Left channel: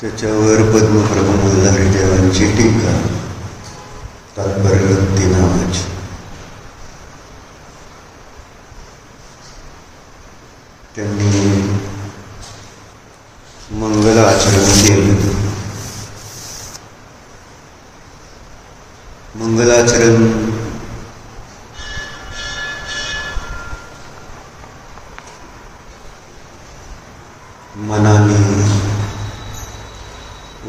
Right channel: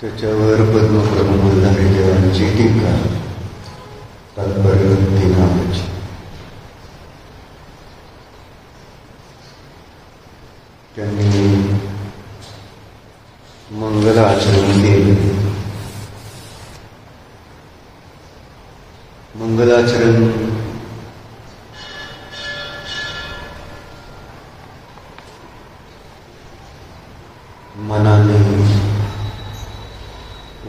त्याच्यावर पद्मप्रभू मल्हारी देवांची टीका तात्पर्यवृत्ती नावाची. त्यांनी मंगलाचरण केलं. मंगलाचरण मनाने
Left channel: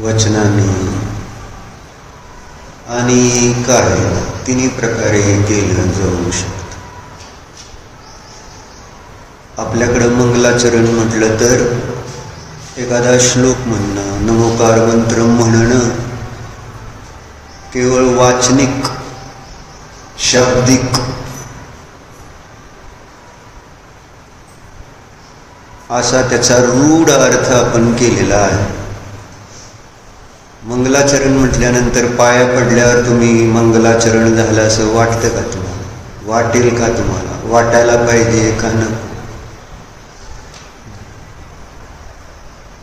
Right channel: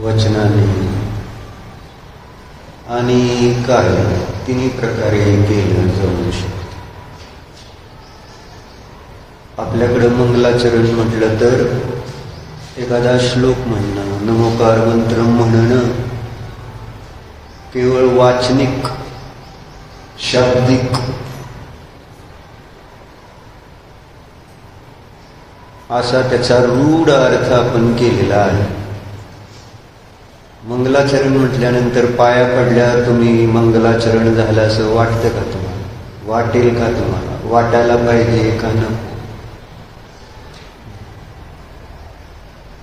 वचनाने आणि काय तिन्ही प्रकारे केलं जाऊ शकतं. आपल्याकडं मंगलाचरण म्हटलं तर एखादा श्लोक म्हणणं, नमोकार मंत्र म्हणणं केवळ वाचनिक शाब्दिक असा त्याचा रूढ अर्थ आपण केलेला आहे. मंगलाचरण म्हटल्यानंतर पाया पडल्यावर तुम्ही मंगलाचरण झालं असं वाटतं का तुम्हाला? वाटेल का तुम्हाला? वाटायला पाहिजे का न?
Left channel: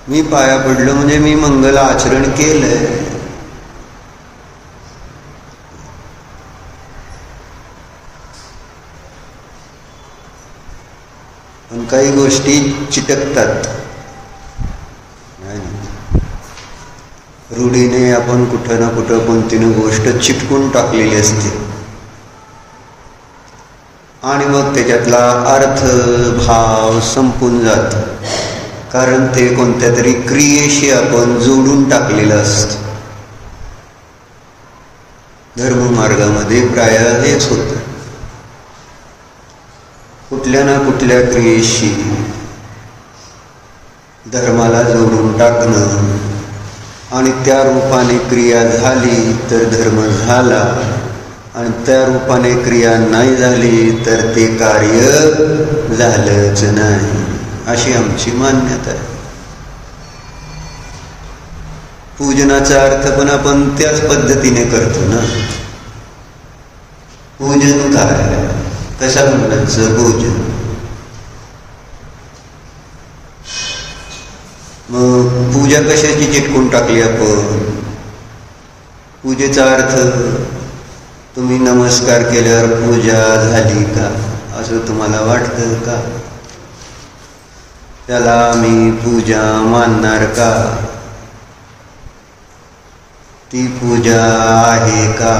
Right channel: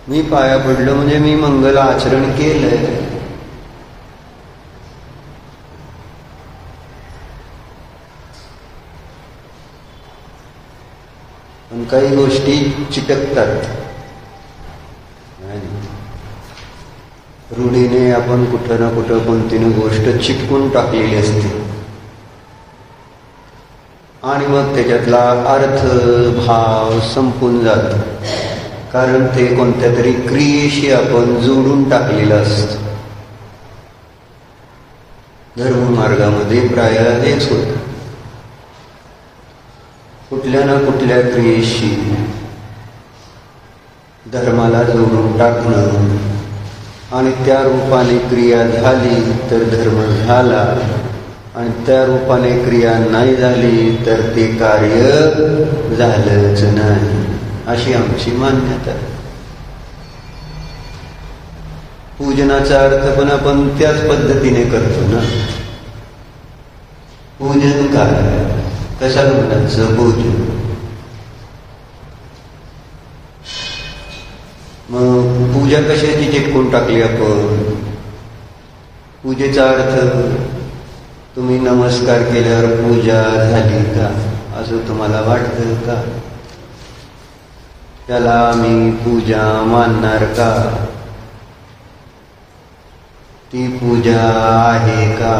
मी पाया पडलो म्हणजे मी मंगल आचरण केलंय. पण काही गोष्टी चिटकतात. रूढीने आपण कुठं ना कुठं कोणती ना गोष्ट चिटकून टाकलेली असते आणि मग त्याच्यातला अर्थ भाव संपून जात. कारण ते कोणत्या तरी क्रियेशी आपण जोडून टाकलेलं असतं. धर्ममार्गामध्ये प्राय हेच होतं. कुठल्या ना कुठल्या क्रियेशी धर्माला जोडून टाकणं आणि त्या रूपाने क्रिया झाली तर धर्म झाला आणि त्या रूपाने क्रिया नाही झाली तर ते कार्य झालंच नाही, अशी आमची मान्यता आहे. पूजनाचा अर्थ पण आपण त्याच पद्धतीने करतो ना. पूजन काय? कशा मुलांचं पूजन? मग पूजा कशाची चिटकून टाकली आपण? पूजेचा अर्थ तुम्ही नमस्कार केल्यावर पूजा झाली का असं तुम्हाला वाटतं का? त्याला मी पूजा मानणार का? ती पूजा आहे का?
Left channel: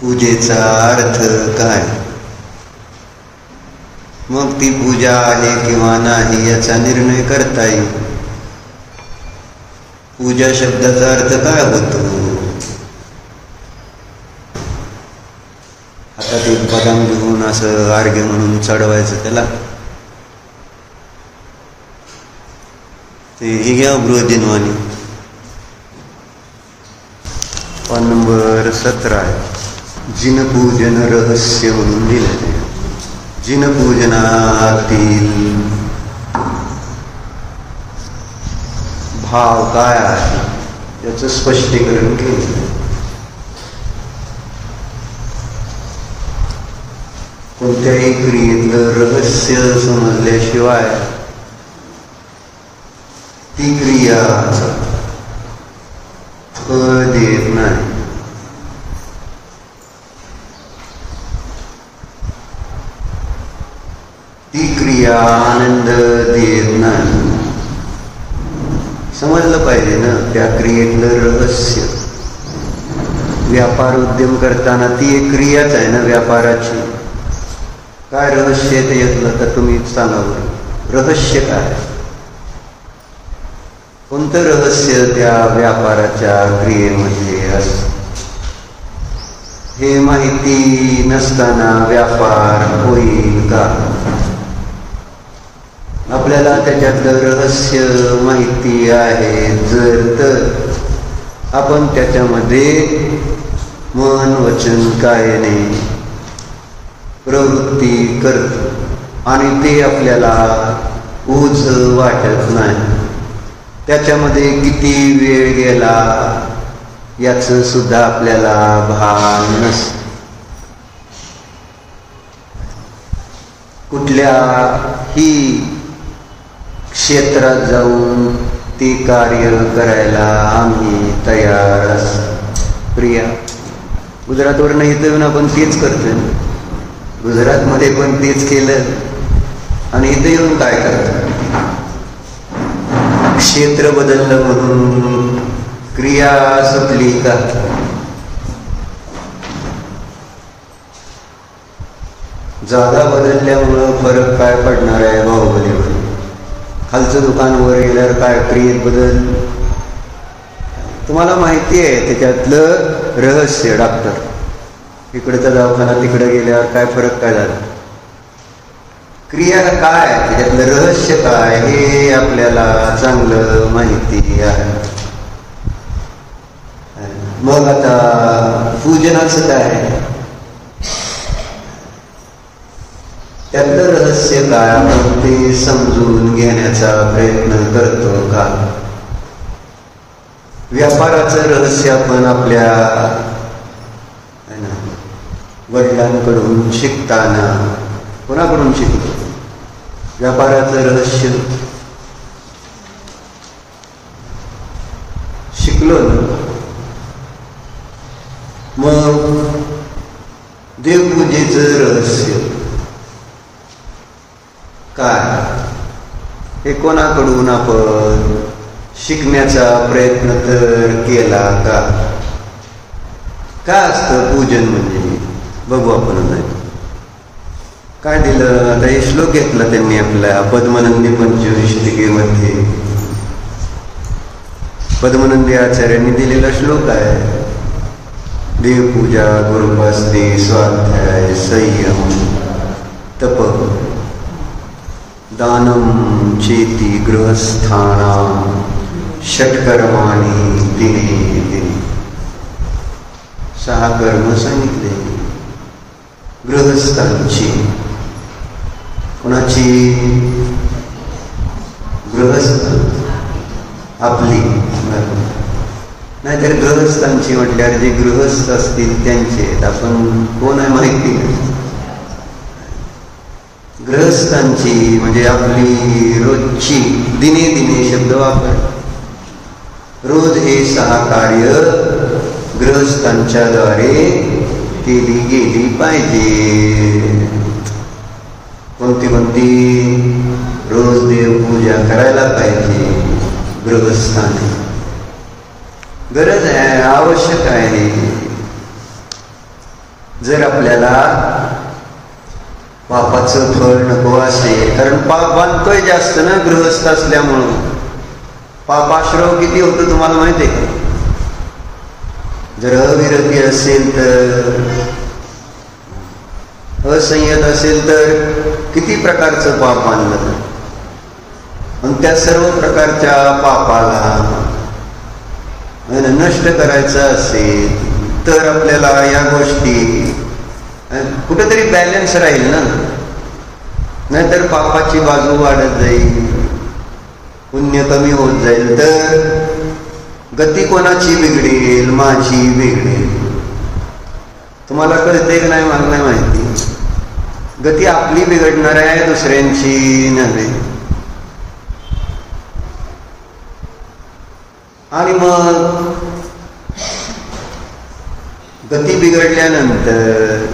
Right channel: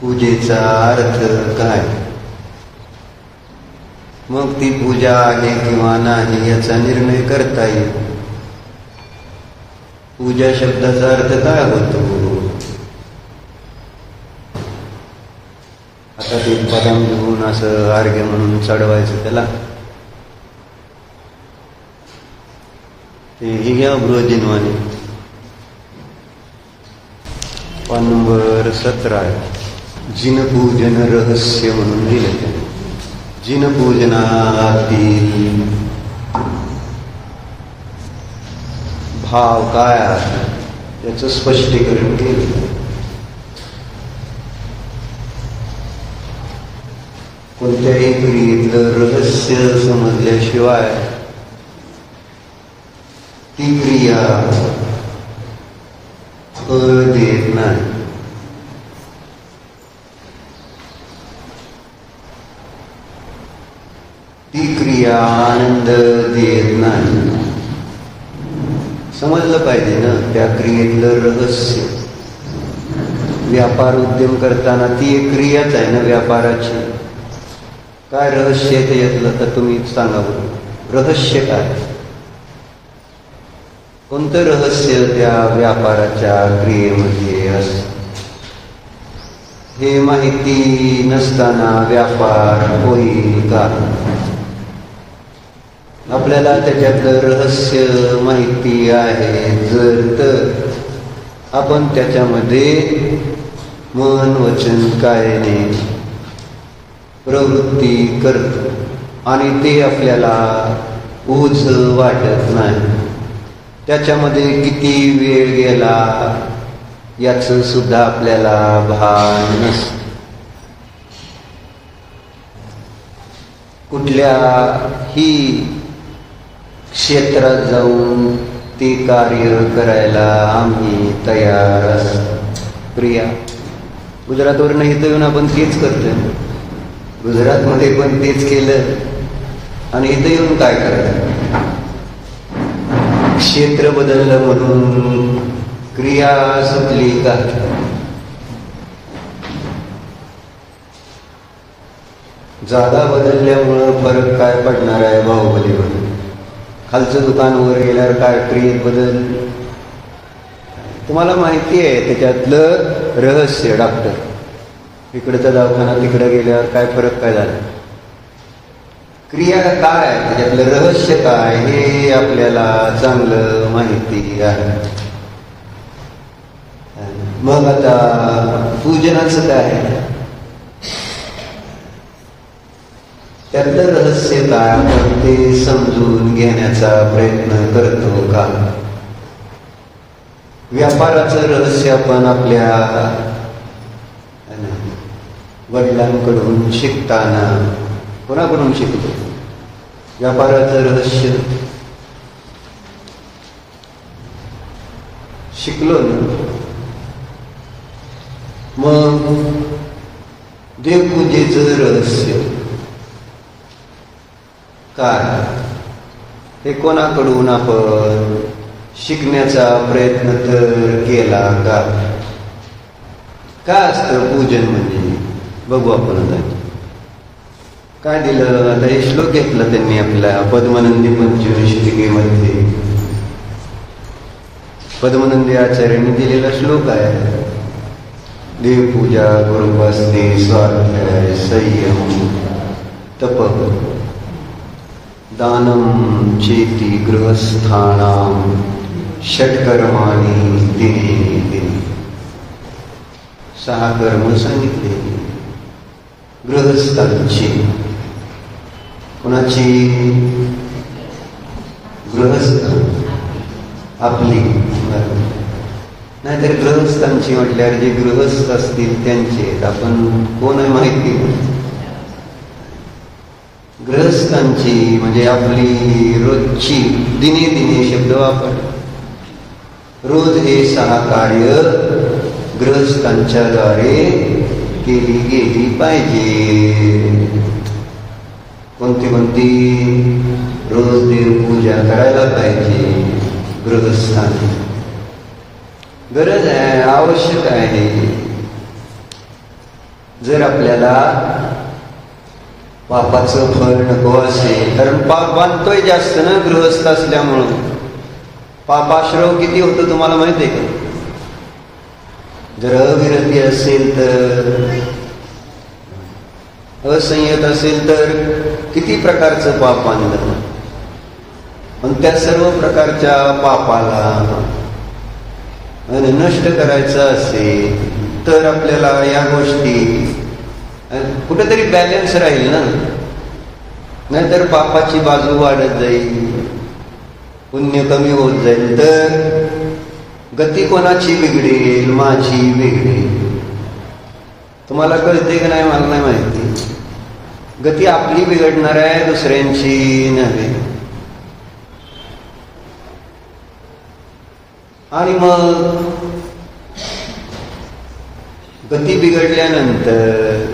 पूजेचा अर्थ काय? मग ती पूजा आहे किंवा नाही याचा निर्णय करता येईल. पूजा शब्दाचा अर्थ काय होतो? आता ते पदम घेऊन असं अर्घ्य म्हणून चढवायचं त्याला, ते ही घ्या बृहदिनवाणी. नंबर 17 जिनपूजन रहस्य म्हणून दिले. जिनपूजनातील भाव काय आहे याचं स्पष्टीकरण केलं. कोणत्याही क्रियेतलं रहस्य समजल्याशिवाय ती क्रिया फळ देत नाही. ती क्रिया आनंद देत नाही. समजलं पाहिजे ना त्या क्रियेतलं रहस्य. व्यापार उद्यम करताना ती एक क्रियाच आहे ना व्यापाराची. काय रहस्य आहे ते यातलं तर तुम्ही सांगा. रहस्य काय? कोणतं रहस्य त्या व्यापाराच्या क्रियेमध्ये असतं? हे माहिती नसताना व्यापार होईल का? आपल्याला त्याच्यातलं रहस्य माहिती आहे जर तर आपण त्याच्यामध्ये मन वचन कायाने प्रवृत्ती करतो आणि ते आपल्याला ओझ वाटत नाही. त्याच्यामध्ये किती वेळ गेला याचं सुद्धा आपल्याला भान नसतं. कुठल्याही क्षेत्रात जाऊन ते कार्य करायला आम्ही तयार असतो. प्रिया गुजरातवर नाही तर आपण तेच करतोय. गुजरातमध्ये पण तेच केलं आणि इथे येऊन काय करतो? क्षेत्र बदललं म्हणून क्रिया सुटली का? जागा बदलल्यामुळं फरक काय पडणार आहे बाहुबलीवर? खालचं दुकान वर गेल्यावर काय क्रियेत बदल? तुम्हाला माहिती आहे त्याच्यातलं रहस्य. डॉक्टर इकडचा दवाखाना तिकडे गेल्यावर काय फरक काय झाला? क्रिया काय त्याच्यातलं रहस्य काय हे आपल्याला चांगलं माहिती आहे. मग आता पूजनाचं काय? त्यातलं रहस्य काय आपण ते समजून घेण्याचा प्रयत्न करतो का? व्यापाराचं रहस्य आपण आपल्या वडिलांकडून शिकताना कोणाकडून शिकतो? व्यापाराचं रहस्य शिकलो ना. मग देवपूजेचं रहस्य काय हे कोणाकडून आपण शिकण्याचा प्रयत्न तर केला का? काय असतं पूजन म्हणजे? बघू आपण काय दिलं. आता हे श्लोक घेतला त्यांनी आपल्या पद्मनंदी पंचविंशतिकेमध्ये. पद्मनंदी आचार्यांनी दिलेला श्लोक आहे. देवपूजा गुरुपासने स्वाध्याय संयम तप दानम चेती गृहस्थानां षट्कर्माणि दिने दिने. 6 कर्म सांगितले गृहस्थांची. कुणाची? गृहस्थ आपली. नाहीतर गृहस्थांची म्हटल्यावर जे गृहस्थ असतील त्यांचे. आपण कोण आहे माहिती? गृहस्थांची म्हणजे आपली रोजची. दिने दिने शब्द वापर. रोज हे 6 कार्य गृहस्थांच्या द्वारे केली गेली पाहिजे. कोणती कोणती? रोज देवपूजा करायला पाहिजे गृहस्थांनी. गरज आहे, आवश्यक आहे. जर आपल्याला पापाचं फळ नको असेल, कारण पाप बांधतोय जास्त ना गृहस्थ असल्यामुळं. पापाश्रव किती होतं तुम्हाला माहिती आहे का? जर अविरती असेल तर, असंयत असेल तर किती प्रकारचं पाप बांधलं. आणि त्या सर्व प्रकारच्या पापाला नष्ट करायचं असेल तर आपल्याला या गोष्टी कुठेतरी बॅलन्स राहील ना, नाहीतर पापाची बाजू वाढत जाईल, पुण्य कमी होत जाईल, तर गती कोणाची बिघडेल? माझी बिघडेल. तुम्हाला कळते की नाही मला नाही माहिती. गती आपली बिघडणार आहे, दुसऱ्यांची नव्हे. आणि मग गती बिघडल्यानंतर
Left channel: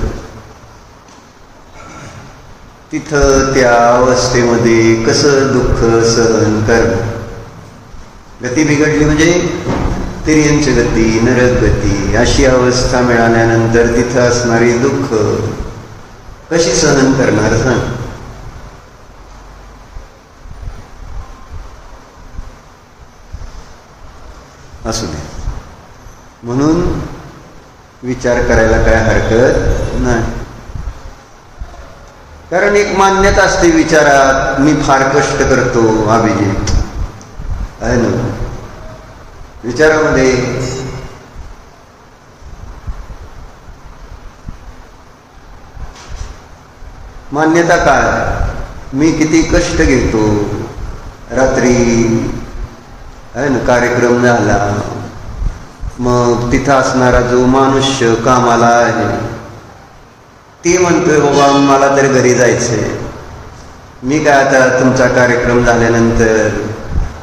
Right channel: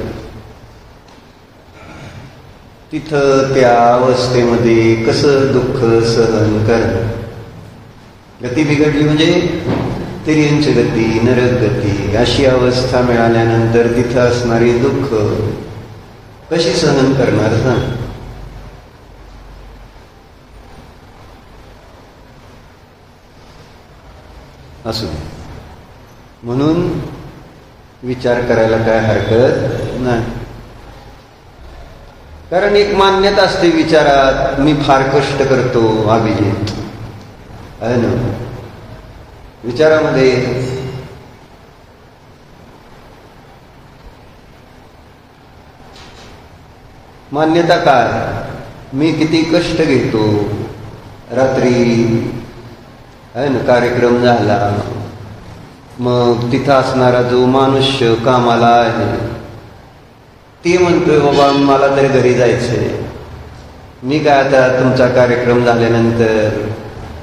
तिथं त्या अवस्थेमध्ये कसं दुःख सहन करणं. गती बिघडली म्हणजे तिर्यंच गती, नरक गती अशी अवस्था मिळाल्यानंतर तिथं असणारी दुःख कशी सहन करणार ना? असू दे. म्हणून विचार करायला काय हरकत नाही. कारण एक मान्यता असते विचारात, मी फार कष्ट करतो अभिजित, आहे ना. विचारामध्ये मान्यता काय? मी किती कष्ट घेतो. रात्री आहे ना कार्यक्रम झाला, मग तिथं असणारा जो मनुष्य कामाला आहे ते म्हणतोय बाबा मला तर घरी जायचंय. मी काय आता तुमचा कार्यक्रम झाल्यानंतर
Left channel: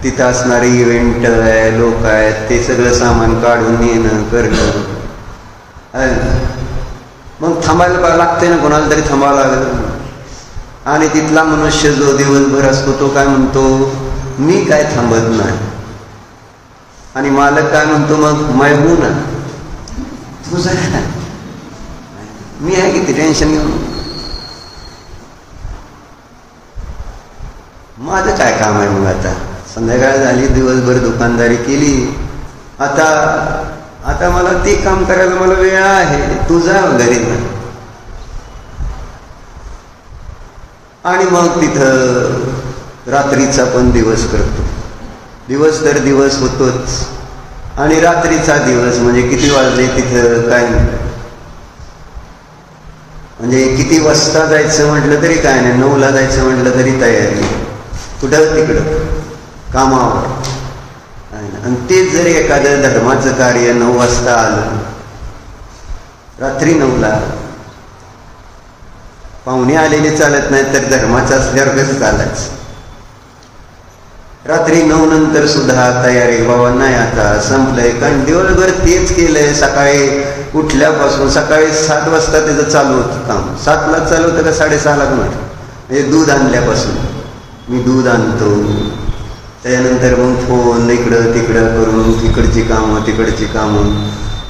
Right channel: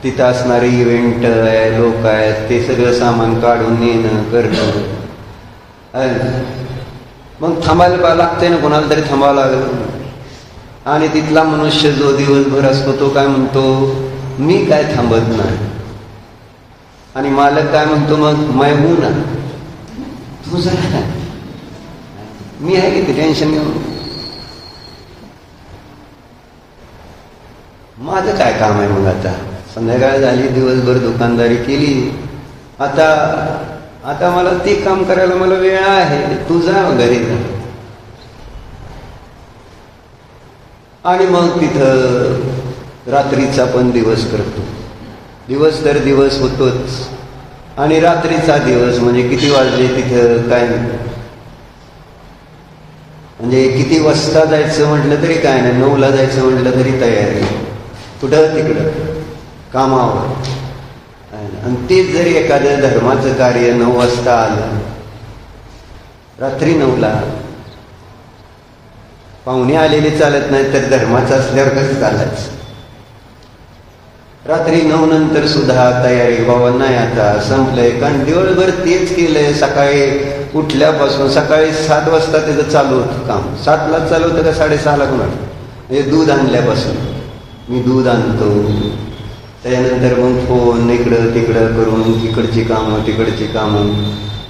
तिथं असणारे इव्हेंट आहे, लोक आहेत, ते सगळं सामान काढून येणं करणं, मग थांबायला लागते ना, कोणाला तरी थांबावं लागलं. आणि तिथला मनुष्य जो दिवसभर असतो तो काय म्हणतो, मी काय थांबत नाही. आणि मालक काय म्हणतो, मग मैं हूं ना, तुझं मी आहे किती टेन्शन, माझं काय काम आहे. मग आता संध्याकाळ झाली, दिवसभर दुकानदारी केली, आता मला ते काम करायला मला वेळ आहे, तू जा घरी जा. आणि मग तिथं रात्रीचा पण दिवस करतो. दिवस तर दिवस होतोच, आणि रात्रीचा दिवस म्हणजे किती वाजले तिथं काय म्हणजे किती वाजता जायचं म्हटलं तरी काय नाही, 9ला जायचं म्हटलं तरी तयारी, कुठं तिकडं कामावर. आणि तेच जरी एखादं धर्माचं कार्य 9 वाजता आलं, रात्री 9ला, पाहुणे आलेले चालत नाही तर धर्माचं असल्यावर कसं चालायचं. रात्री 9 नंतर सुद्धा तयारी, बाबा नाही आता संपलंय, कारण दिवसभर तेच केलंय. सकाळी उठल्यापासून सकाळी 7 वाजता त्याचं चालू होतं काम. 7ला चालू होतं का 6:30ला पण होतं. म्हणजे दूध आणल्यापासून मी दूध आणतो, त्यानंतर मग फोन इकडं तिकडं करून तिकडची कामं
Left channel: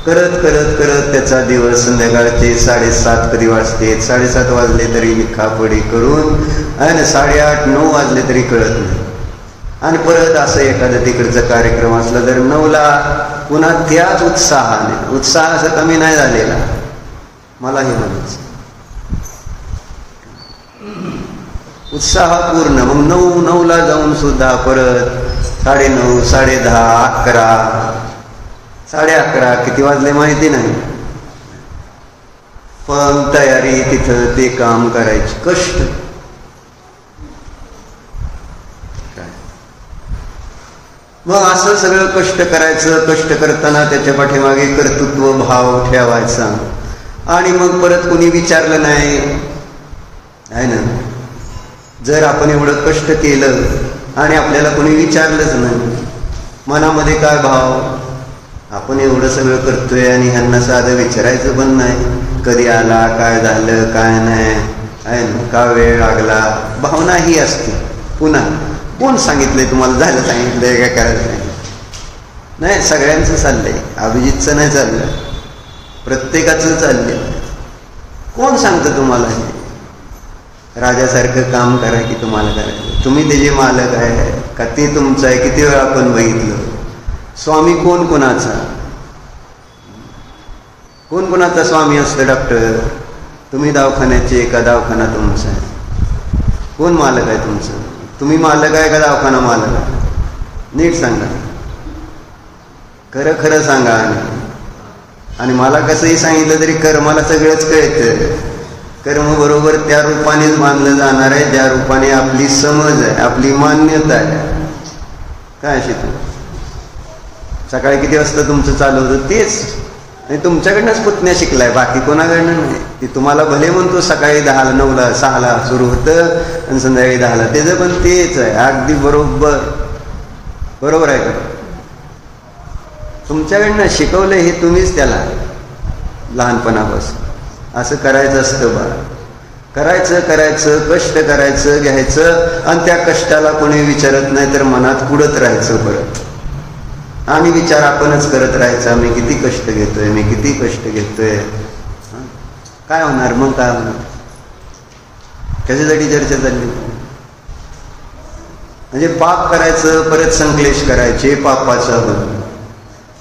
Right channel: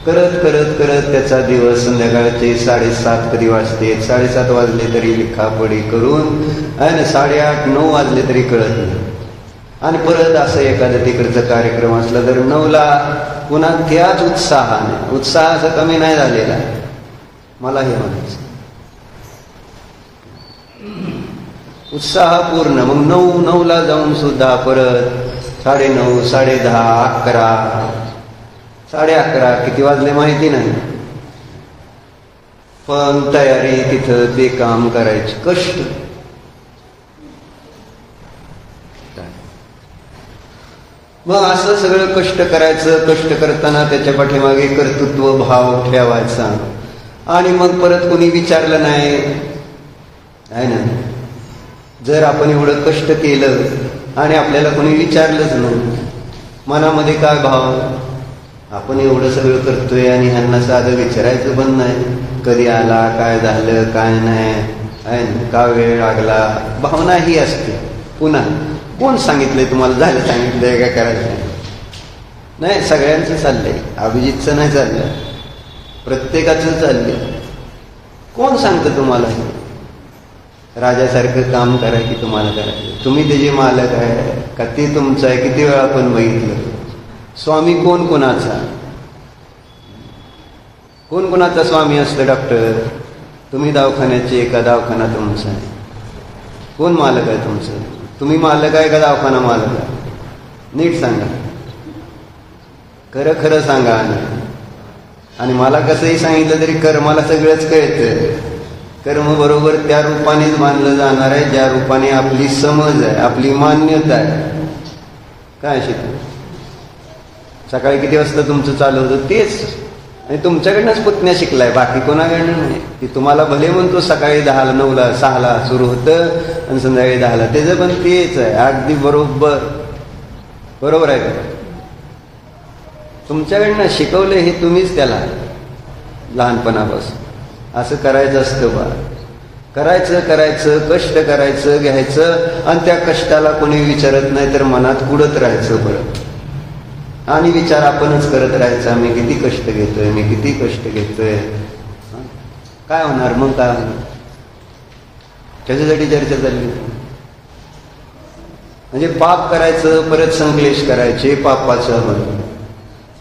करत करत करत त्याचा दिवस संध्याकाळचे 7:30 कधी वाजते, 7:30 वाजले तरी लिखापडी करून आहे ना 8:30-9 वाजले तरी कळत नाही. आणि परत असं एखादं तिकडचा कार्यक्रम असला तर 9ला पुन्हा त्याच उत्साहाने, उत्साह असं कमी नाही झालेला, मला हे म्हणायचं उत्साह पूर्ण. मग 9ला जाऊन सुद्धा परत 9:30, 10:30, 11, 11:30 किती वाजले माहिती नाही, पण तयारी तिथं ते काम करायची, कष्ट. मग असं सगळं कष्ट करायचं. कष्ट करताना त्याच्या पाठीमागे कर्तृत्व भाव ठेवायचा. आणि मग परत कोणी विचारलं नाही, आहे ना, जर आपण एवढं कष्ट केलं आणि आपल्याला कोणी विचारलंच नाही, मनामध्ये काय भाव, आपण एवढं सगळं करतोय आणि ह्यांना साधं विचारायचं पण नाही, कधी आला, काय झालं, काय नाही, आहे ना, का वेळ लागला, भावना ही असते. पुन्हा कोण सांगितलंय तुम्हाला, झालं सांगितलंय काय करायचं नाही. सगळ्यांचं चाललंय, अभिजितचं नाही चाललं, प्रत्येकाचं चाललंय. कोण सांगतं तुम्हाला राजासारखं काम करा की तुम्हाला करायचं? तुम्ही त्याचे मालक आहे का ते तुमचं आहे? किती वेळा आपण बघितलं, स्वामी कोण कोणाचा, कोण कोणाचा स्वामी असतं? डॉक्टर, तुम्ही दवाखान्याचे का दवाखाना तुमचा आहे? कोण मालक आहे तुमचं? तुम्ही मालक आहे का दवाखाना मालक आहे? नीट सांगा. खरं खरं सांगा. आणि मला कसंही सांगितलं तरी कर्माला सगळंच कळतं. कर्म बरोबर त्या रूपानेच मानलं जाणार आहे ज्या रूपाने आपली समज आहे, आपली मान्यता आहे. काय शिकू सकाळी किती वाजता तुमचं चालू होतं तेच, आणि तुमच्याकडनंच पुतण्या शिकलाय, बाकी कोणाकडनं नाही. ती तुम्हाला भले म्हणतो सकाळी 10ला 9ला 6ला सुरू होतं आणि संध्याकाळी 10ला, त्याचं पण तेच आहे. अगदी बरोबर बरोबर आहे का? तुमच्याकडनं शिकवलं हे तुम्हीच त्याला लहानपणापासून. असं करायचं असतं बा. करायचं कष्ट करायचं घ्यायचं, आणि त्या कष्टाला कोणी विचारत नाही तर मनात कुडत राहायचं परत. आणि विचार आपणच करत राहायचा, मी किती कष्ट घेतोय, मी किती कष्ट घेतोय. काय होणार मग? काय होणार? त्याच्यासाठी चर्चा चालली. म्हणजे पाप करायचं, परत संकलेश करायचे, पापाचं होणं.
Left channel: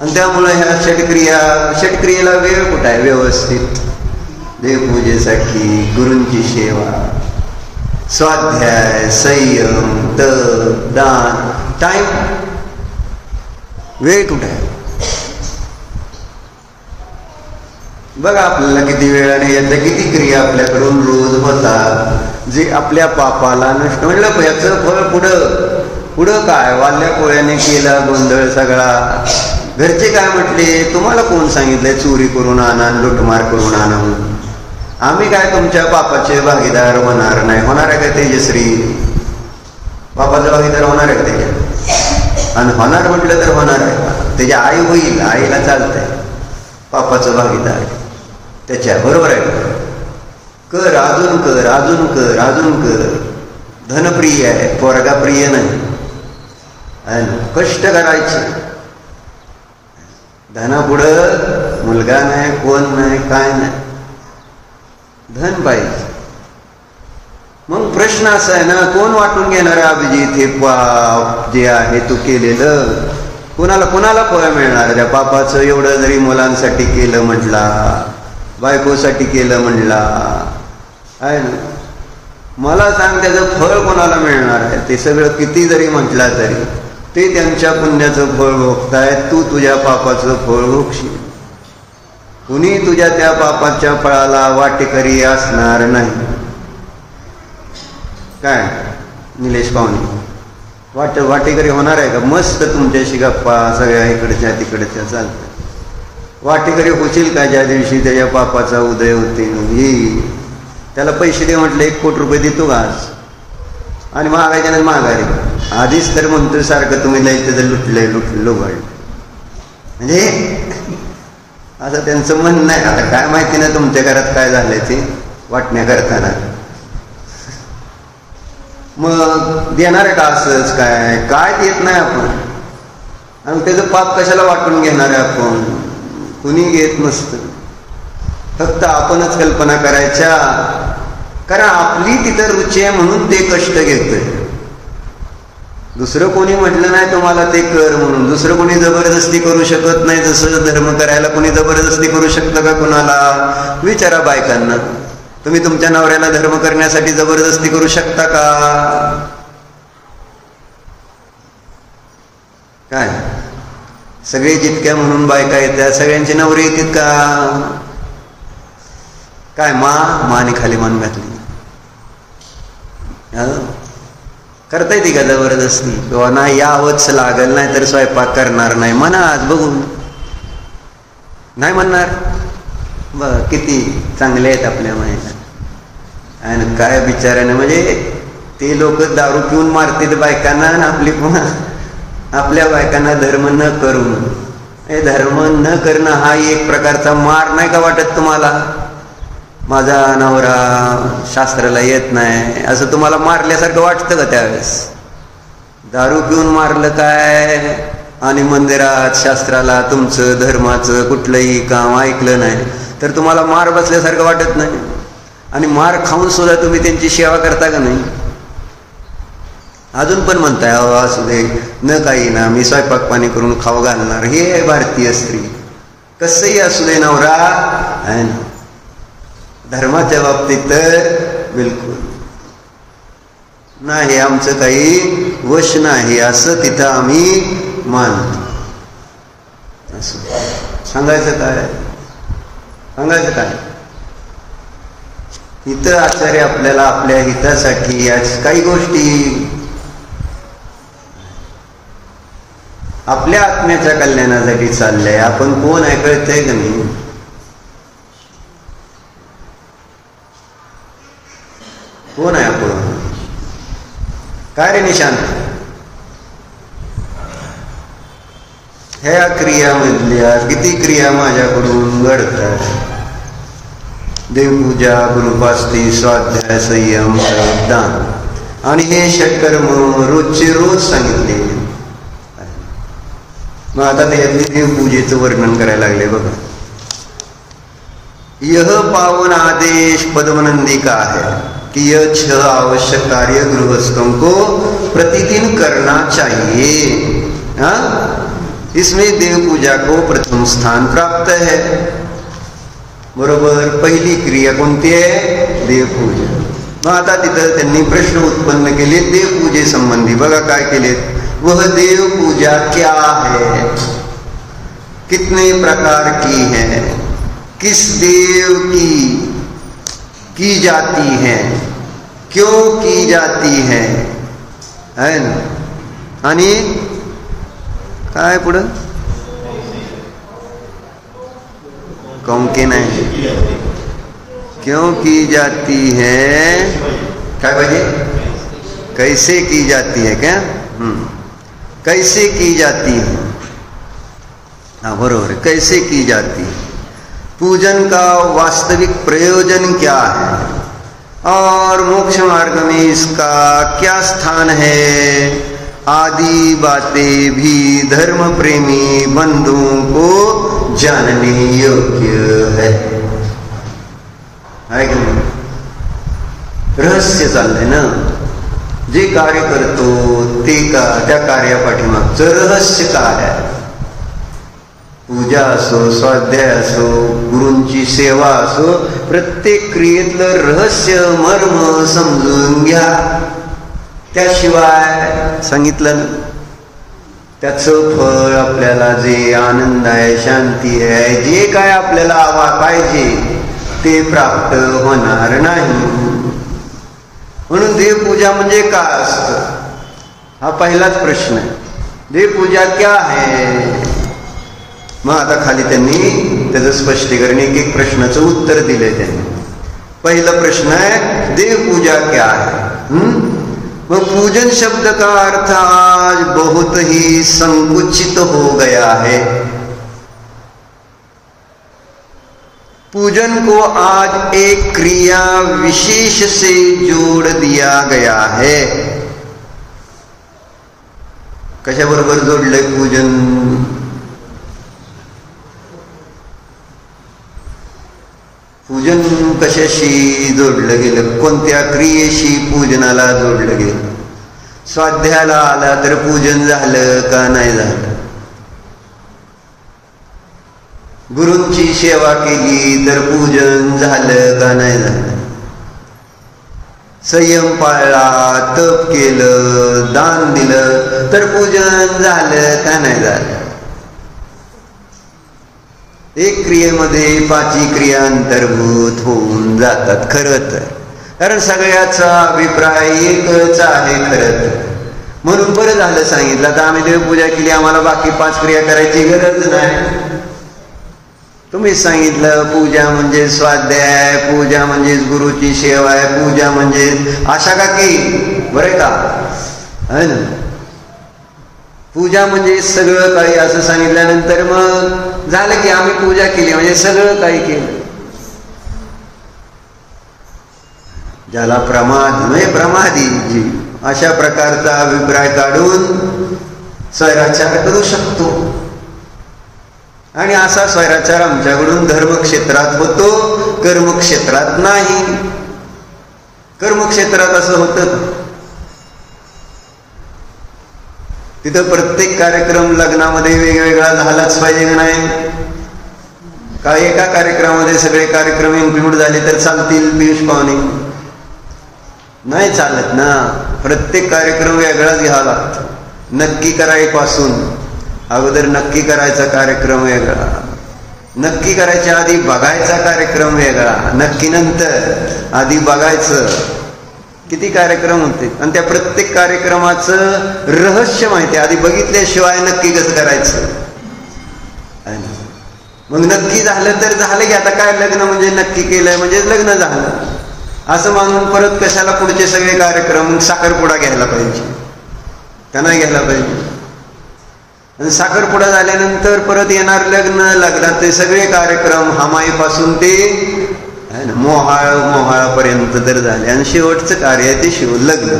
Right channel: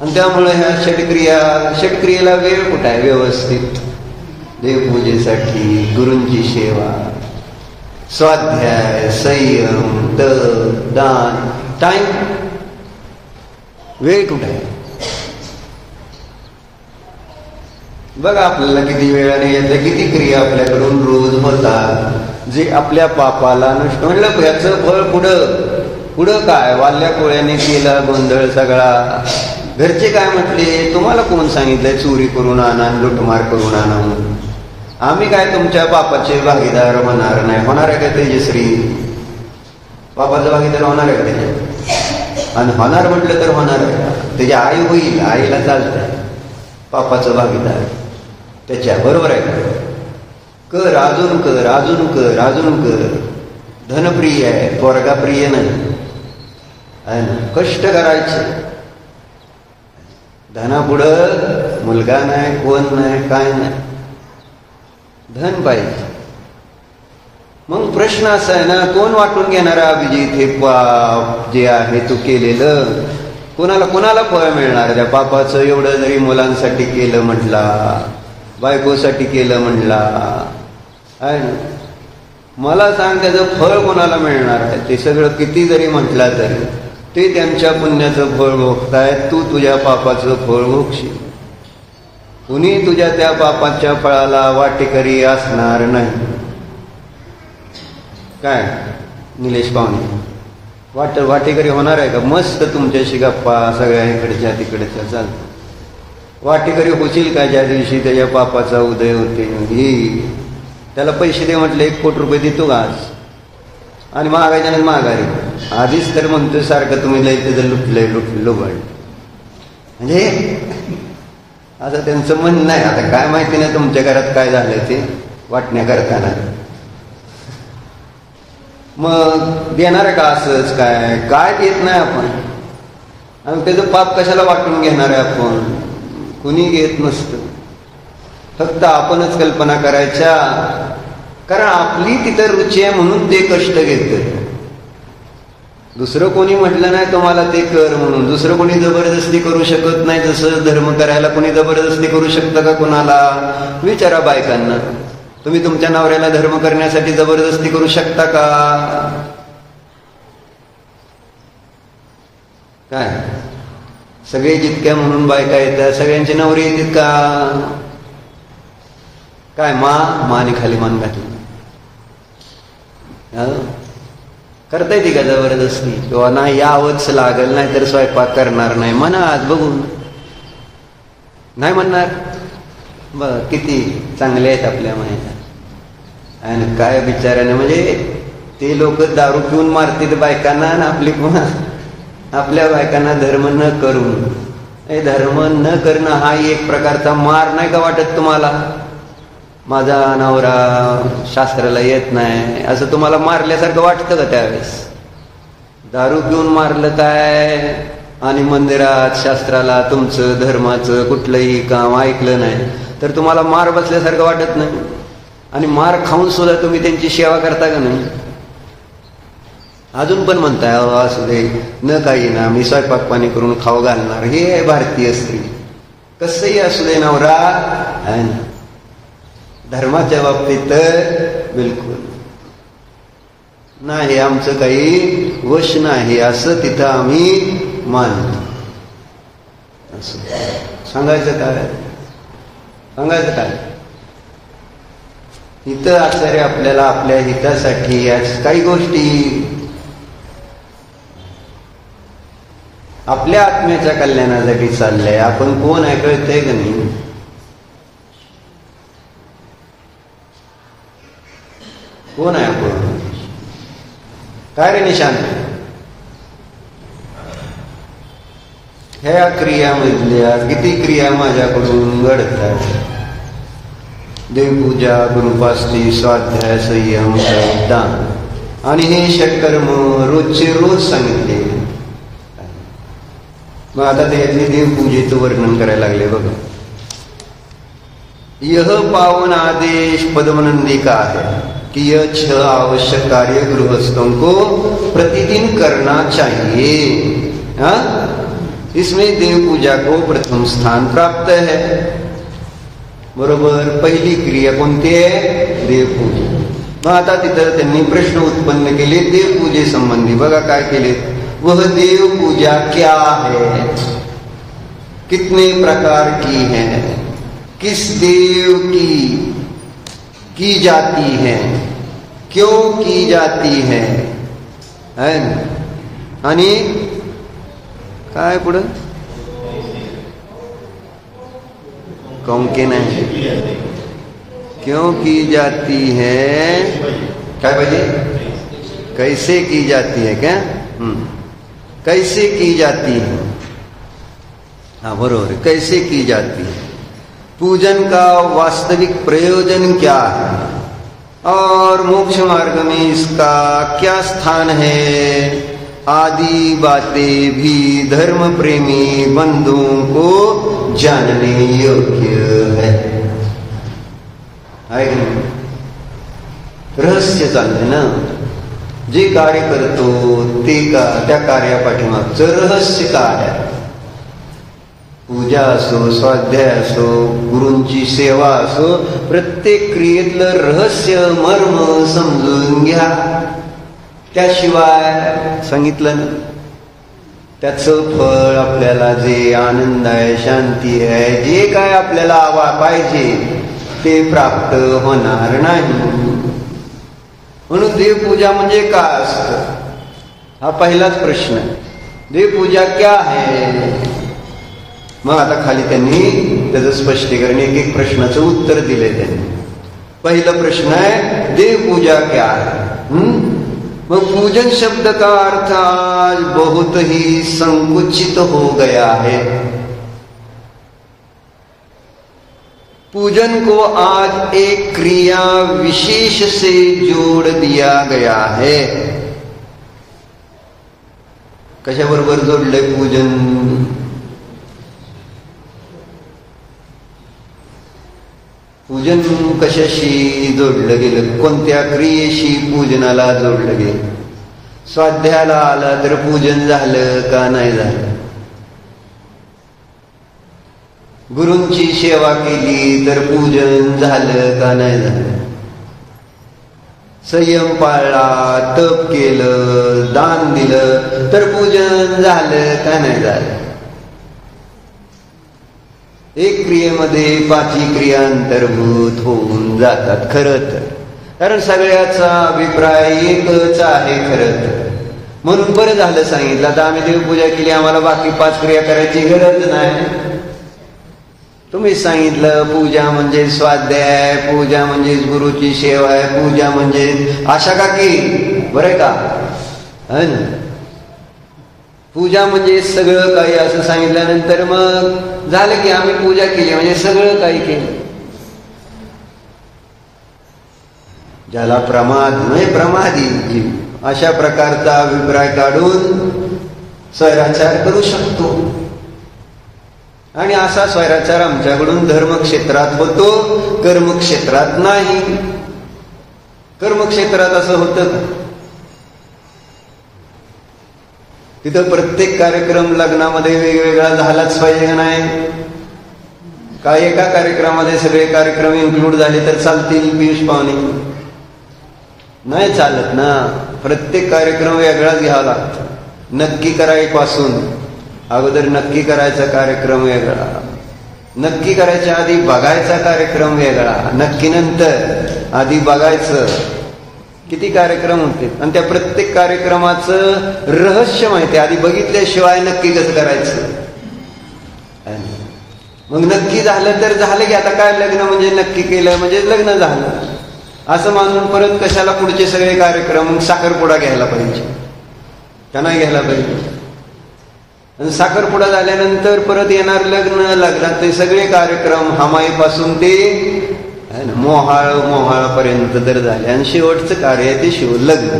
आणि त्यामुळे ह्या षटक्रियेला वेळ कुठं आहे व्यवस्थित? देवपूजेसाठी, गुरूंची सेवा, स्वाध्याय, संयम, तप, दान, टाइम, वेळ कुठे आहे? बघा आपल्याला किती वेळ आणि याच्या किती क्रिया आपल्याकडून रोज होतात जे आपल्या पापाला नष्ट. म्हटलं याचं फळ पुढं काय? वाल्या कोळ्याने केला गोंधळ सगळा. घरचे काय म्हटले? तुम्हाला कोण सांगितलंय चोरी करून आणा, लुटमार करून आणा म्हणून? आम्ही काय तुमच्या पापाचे भागीदार होणार नाही. होणार आहे का तेजश्री? पापाचा भागीदार होणार आहे का त्याच्या? आणि होणार म्हटलं तर होणार आहे. त्याची आई होईल, आईला चालतंय. पापाचं भागीदार त्याच्या बरोबर आहे का? कर, अजून कर, अजून कर, अजून कर. धनप्रिय आहे, पोरगा प्रिय नाही. कष्ट करायचे. धनापुढं मुलगा नाही, कोण नाही, काय नाही, धन पाहिजे. मग प्रश्न असा आहे ना, कोण वाटून घेणार अभिजित हे पाप जे आहे तू केलेलं? कुणाला फळ मिळणार त्या पापाचं? एवढं जरी मुलांसाठी केलं म्हटला, बायकोसाठी केलं म्हटला आहे ना, मला सांग त्याचं फळ कोणाला मिळणार आहे? ते सगळं किती जरी म्हटला तरी ते त्यांच्या पुण्याचं फळ भोगताय, तू तुझ्या पापाचं फळ भोगशील. कुणी तुझ्या त्या पापाच्या फळाला वाटेकरी असणार नाही. काय निलेश पाहुणे वाटेकरी होणार आहे का? मस्त तुमच्याशी गप्पा सगळ्या इकडच्या तिकडच्या चालतात. वाटेकरी होशील का ज्या दिवशी त्याच्या पापाचा उदय होते? त्याला पैसे दे म्हटले 1 कोटी रुपये देतो का आज? आणि महागायच्या नाही महागारी. आधीच तर म्हणतो सारखं तुम्ही लयचं जर लुटलो म्हणजे असं त्यांचं म्हणणं नाही. आता काय माहिती ना तुमच्या घरात काय झालंय ते वाटण्या करताना. मग देणार आहे का असंच? काय देत नाही आपण. आणि त्याचं पाप कशाला वाटून घेणार आहे आपण? कुणी घेत नसतं. फक्त आपणच कल्पना करायच्या, कारण आपली तिथं रुची आहे म्हणून ते कष्ट घेतोय. दुसरं कोणी म्हटलं नाही तुम्हाला ते कर म्हणून. दुसरं कोणी जबरदस्ती करू शकत नाही. जसं धर्म करायला कोणी जबरदस्ती करू शकतं का कुणाला? विचारा बायकांना. तुम्ही तुमच्या नवऱ्याला धर्म करण्यासाठी जबरदस्ती करू शकता का? काय सगळे जितक्या म्हणून बायका येत्या सगळ्यांची नवरे येतात का? काय माने खाली मान घातली करता येते का जबरदस्ती? किंवा नाही यावंच लागल, नाही तर स्वयंपाक करणार नाही म्हणा. आज बघून नाही म्हणणार. बघ किती चांगले आहेत आपल्या माहिती. आणि काय बिचाराने म्हणजे ते लोक दारू पिऊन मारतील बायकांना, आणि आपली पुन्हा आपल्या बायकांना धर्म न करून. हे धर्म न करणं हा एक प्रकारचा मार नाही का वाटत तुम्हाला? माझा नवरा शास्त्राला येत नाही असं तुम्हाला मारल्यासारखं वाटतं का त्यावेळेस? दारू पिऊन मारलं काय आणि मंदिरात शास्त्राला तुमचं धर्माचं कुठलंही काम ऐकलं नाही तर तुम्हाला मार बसल्यासारखं वाटत नाही? आणि मार खाऊन सुद्धा तुम्ही त्यांची सेवा करता का नाही? अजून पण म्हणताय अहो असू दे न काही ना, मी स्वयंपाक पाणी करून खाऊ घालणार. हे आहे भारतीय स्त्री. कसंही असू दे नवरा आहे ना. धर्माच्या बाबतीत तर बिलकुल नाही, आमचं काही वश नाही असं तिथं आम्ही मानतो. सांगायचं काय? सांगायचं काय? इथं आचार्य आपल्याला आपल्या हितासाठी या काही गोष्टी आपल्या आत्म्याच्या कल्याणासाठी चाललंय. आपण कोण आहे कळतंय का नाही? कोण आहे आपण? काय रे निशांत? ह्या क्रियामधल्या किती क्रिया माझ्याकडून घडतात? देवपूजा, गुरुपास्ती, स्वाध्याय, संयम, दान आणि हे षटकर्म रोजचे रोज सांगितले. मग आता त्यातली देवपूजेचं वर्णन करायला लागले बघा. यह पावन आदेश पद्मनंदी का है कि यह 6 आवश्यक कार्य गृहस्थों को प्रतिदिन करना चाहिए. इसमें देव पूजा को प्रथम स्थान प्राप्त है. बरोबर. पहिली क्रिया कोणती आहे? देवपूजा. मग आता तिथं त्यांनी प्रश्न उत्पन्न केले देवपूजे संबंधी. बघा काय केले. वह देव पूजा क्या है, कितने प्रकार की है, किस देव की जाती है, क्यों की जाती है ना. आणि काय पुढं? कौन के नहीं, क्यों की जाती है, क्या कहिए, कैसे की जाती है. क्या कैसे की जाती है? हाँ बरोबर. कैसे की जाती है? पूजन का वास्तविक प्रयोजन क्या है और मोक्ष मार्ग में इसका क्या स्थान है आदि बातें भी धर्म प्रेमी बंधुओं को जानने योग्य है कि नहीं? रहस्य चाललंय ना. जे कार्य करतो ते त्या कार्यापाठीमागचं रहस्य काय आहे? पूजा असो, स्वाध्याय असो, गुरूंची सेवा असो, प्रत्येक क्रियेतलं रहस्य मर्म समजून घ्या. त्याशिवाय सांगितलं ना त्याचं फळ आपल्याला जे आनंद आहे, शांती आहे, जे काय आपल्याला पाहिजे ते प्राप्त होणार नाही. म्हणून देवपूजा म्हणजे काय असतं हा पहिलाच प्रश्न. देवपूजा क्या है? मग आता खाली त्यांनी त्याचं स्पष्टीकरण एक प्रश्नाचं उत्तर दिलंय त्यांनी. पहिला प्रश्न आहे देवपूजा क्या है. मग पूजन शब्द का अर्थ आज बहुत ही संकुचित हो गया है. पूजन को आज एक क्रिया विशेष से जोड़ दिया गया है. कशा बरोबर जोडलंय पूजन? पूजन कशाशी जोडलं गेलं? कोणत्या क्रियेशी पूजनाला जोडलं गेलं? स्वाध्यायाला आला तर पूजन झालं का नाही झालं? गुरूंची सेवा केली तर पूजन झालं का नाही झालं? संयम पाळला, तप केलं, दान दिलं तर पूजन झालं का नाही झालं? एक क्रियेमध्ये 5 क्रिया अंतर्भूत होऊन जातात खरं तर. कारण सगळ्याचा अभिप्राय एकच आहे खरं तर. म्हणून बरं झालं सांगितलं. आता आम्ही देवपूजा केली, आम्हाला बाकी 5 क्रिया करायची गरज नाही. तुम्ही सांगितलं पूजा म्हणजे स्वाध्याय, पूजा म्हणजे गुरुची सेवा आहे, पूजा म्हणजे आशा का की बरं का है ना. पूजा म्हणजे सगळं काही असं सांगितल्यानंतर मग झालं की आम्ही पूजा केली म्हणजे सगळं काही केलं. ज्याला प्रमादी जीव अशा प्रकारचा अभिप्राय काढून स्वैराचार करू शकतो. आणि असा स्वैराचार आमच्याकडून धर्मक्षेत्रात होतो, कर्मक्षेत्रात नाही. कर्मक्षेत्रात असं होतं तिथं प्रत्येक कार्यक्रम लग्नामध्ये वेगवेगळा झालाच पाहिजे का नाही? काय एका कार्यक्रमामध्ये सगळे कार्यक्रम इन्क्लूड झाले तर चालतील पियुष पाहुणे? नाही चालत ना. प्रत्येक कार्यक्रम वेगळाच घ्यावा लागतो. नक्की करायपासून अगोदर नक्की करायचा कार्यक्रम वेगळा, नक्की करायच्या आधी बघायचा कार्यक्रम वेगळा, नक्की नंतर आधी बघायचं. किती कार्यक्रम होते आणि त्या प्रत्येक कार्यक्रमाचं रहस्य माहिती. आधी बघितल्याशिवाय नक्की कसं करायचं. मग नक्की झालं तर झालं की आता काय लग्न म्हणजे नक्की केलंय म्हणजे लग्न झालं असं मानून परत कशाला पुढचे सगळे कार्यक्रम. साखरपुडा घ्यायला पाहिजे का नाही घ्यायला पाहिजे. आणि साखरपुडा झाल्यानंतर परत येणार लग्न, लग्नात ते सगळे कार्यक्रम हमाईपासून ते मोहाळापर्यंत तर झाले आणि शेवटचं कार्य आहे ते लग्न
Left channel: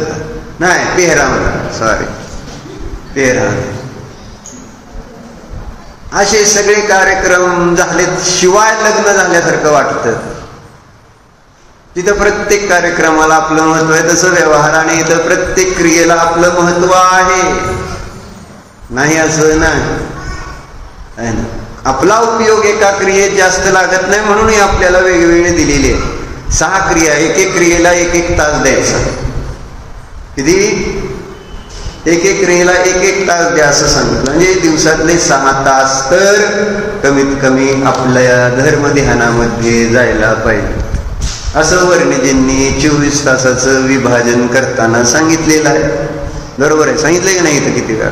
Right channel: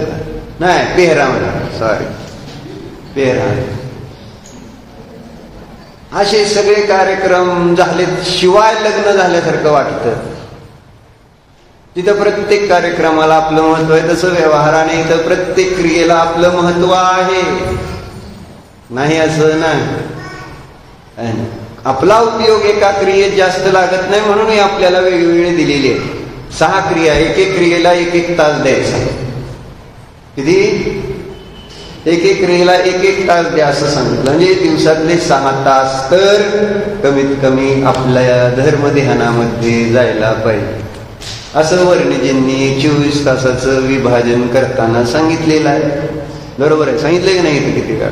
नाही पेहराव, सॉरी पेहराव. असे सगळे कार्यक्रम झाले शिवाय लग्न झाल्यासारखं वाटतं. तिथं प्रत्येक कार्यक्रमाला आपलं महत्व आहे तसं व्यवहार आणि इथं प्रत्येक क्रियेला आपलं महत्व आहे. नाही असं नाही. आपला उपयोग एका क्रियेत जास्त लागत नाही म्हणून आपल्याला वेगवेगळे दिलेले आहे. 6 क्रिया, एक एक क्रियेला 1-1 तास द्यायचा. किती? एक एक क्रियेला 1-1 तास द्या असं सांगितलं. म्हणजे दिवसातले 6 तास तर कमीत कमी आपल्या धर्म ध्यानामध्ये जायला पाहिजे असं वर्णिजींनी 24 तासाचं विभाजन करताना सांगितलेलं आहे. बरोबर आहे, सांगितलंय की नाही? इथं किती वेळा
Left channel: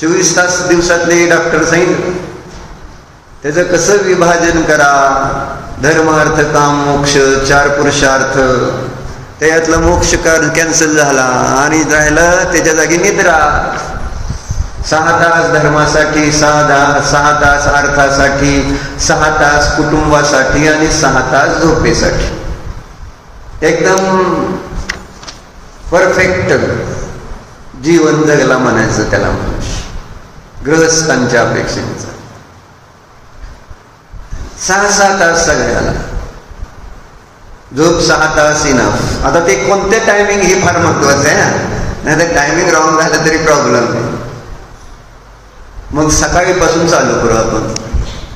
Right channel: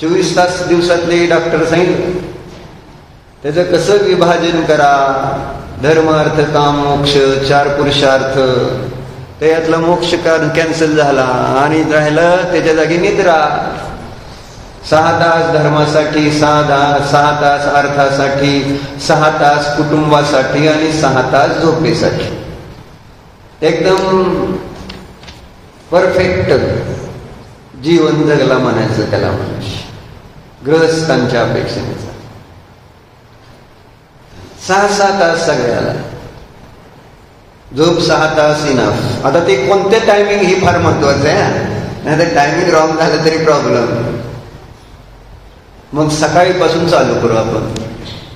24 तास दिवसातले डॉक्टर सांगितलं. त्याचं कसं विभाजन करा. धर्म अर्थ काम मोक्ष 4 पुरुषार्थ. त्यातला मोक्ष कॅन्सल झाला आणि राहिलं त्याच्या जागी निद्रा. 6 तास धर्मासाठी, 6 तास अर्थासाठी, 6 तास कुटुंबासाठी आणि 6 तास झोपेसाठी. एकदम परफेक्ट जीवन जगला म्हणायचं त्याला मनुष्य गृहस्थांच्या अपेक्षेनुसार. 6-6 तास सगळ्याला झोप 6 तास इनफ. आता ते कोणते टायमिंग हे फार महत्वाचं आहे ना, नाही तर टायमिंग रॉंग झालं तरी प्रॉब्लेम नाही. मग सकाळीपासून चालू करू आपण.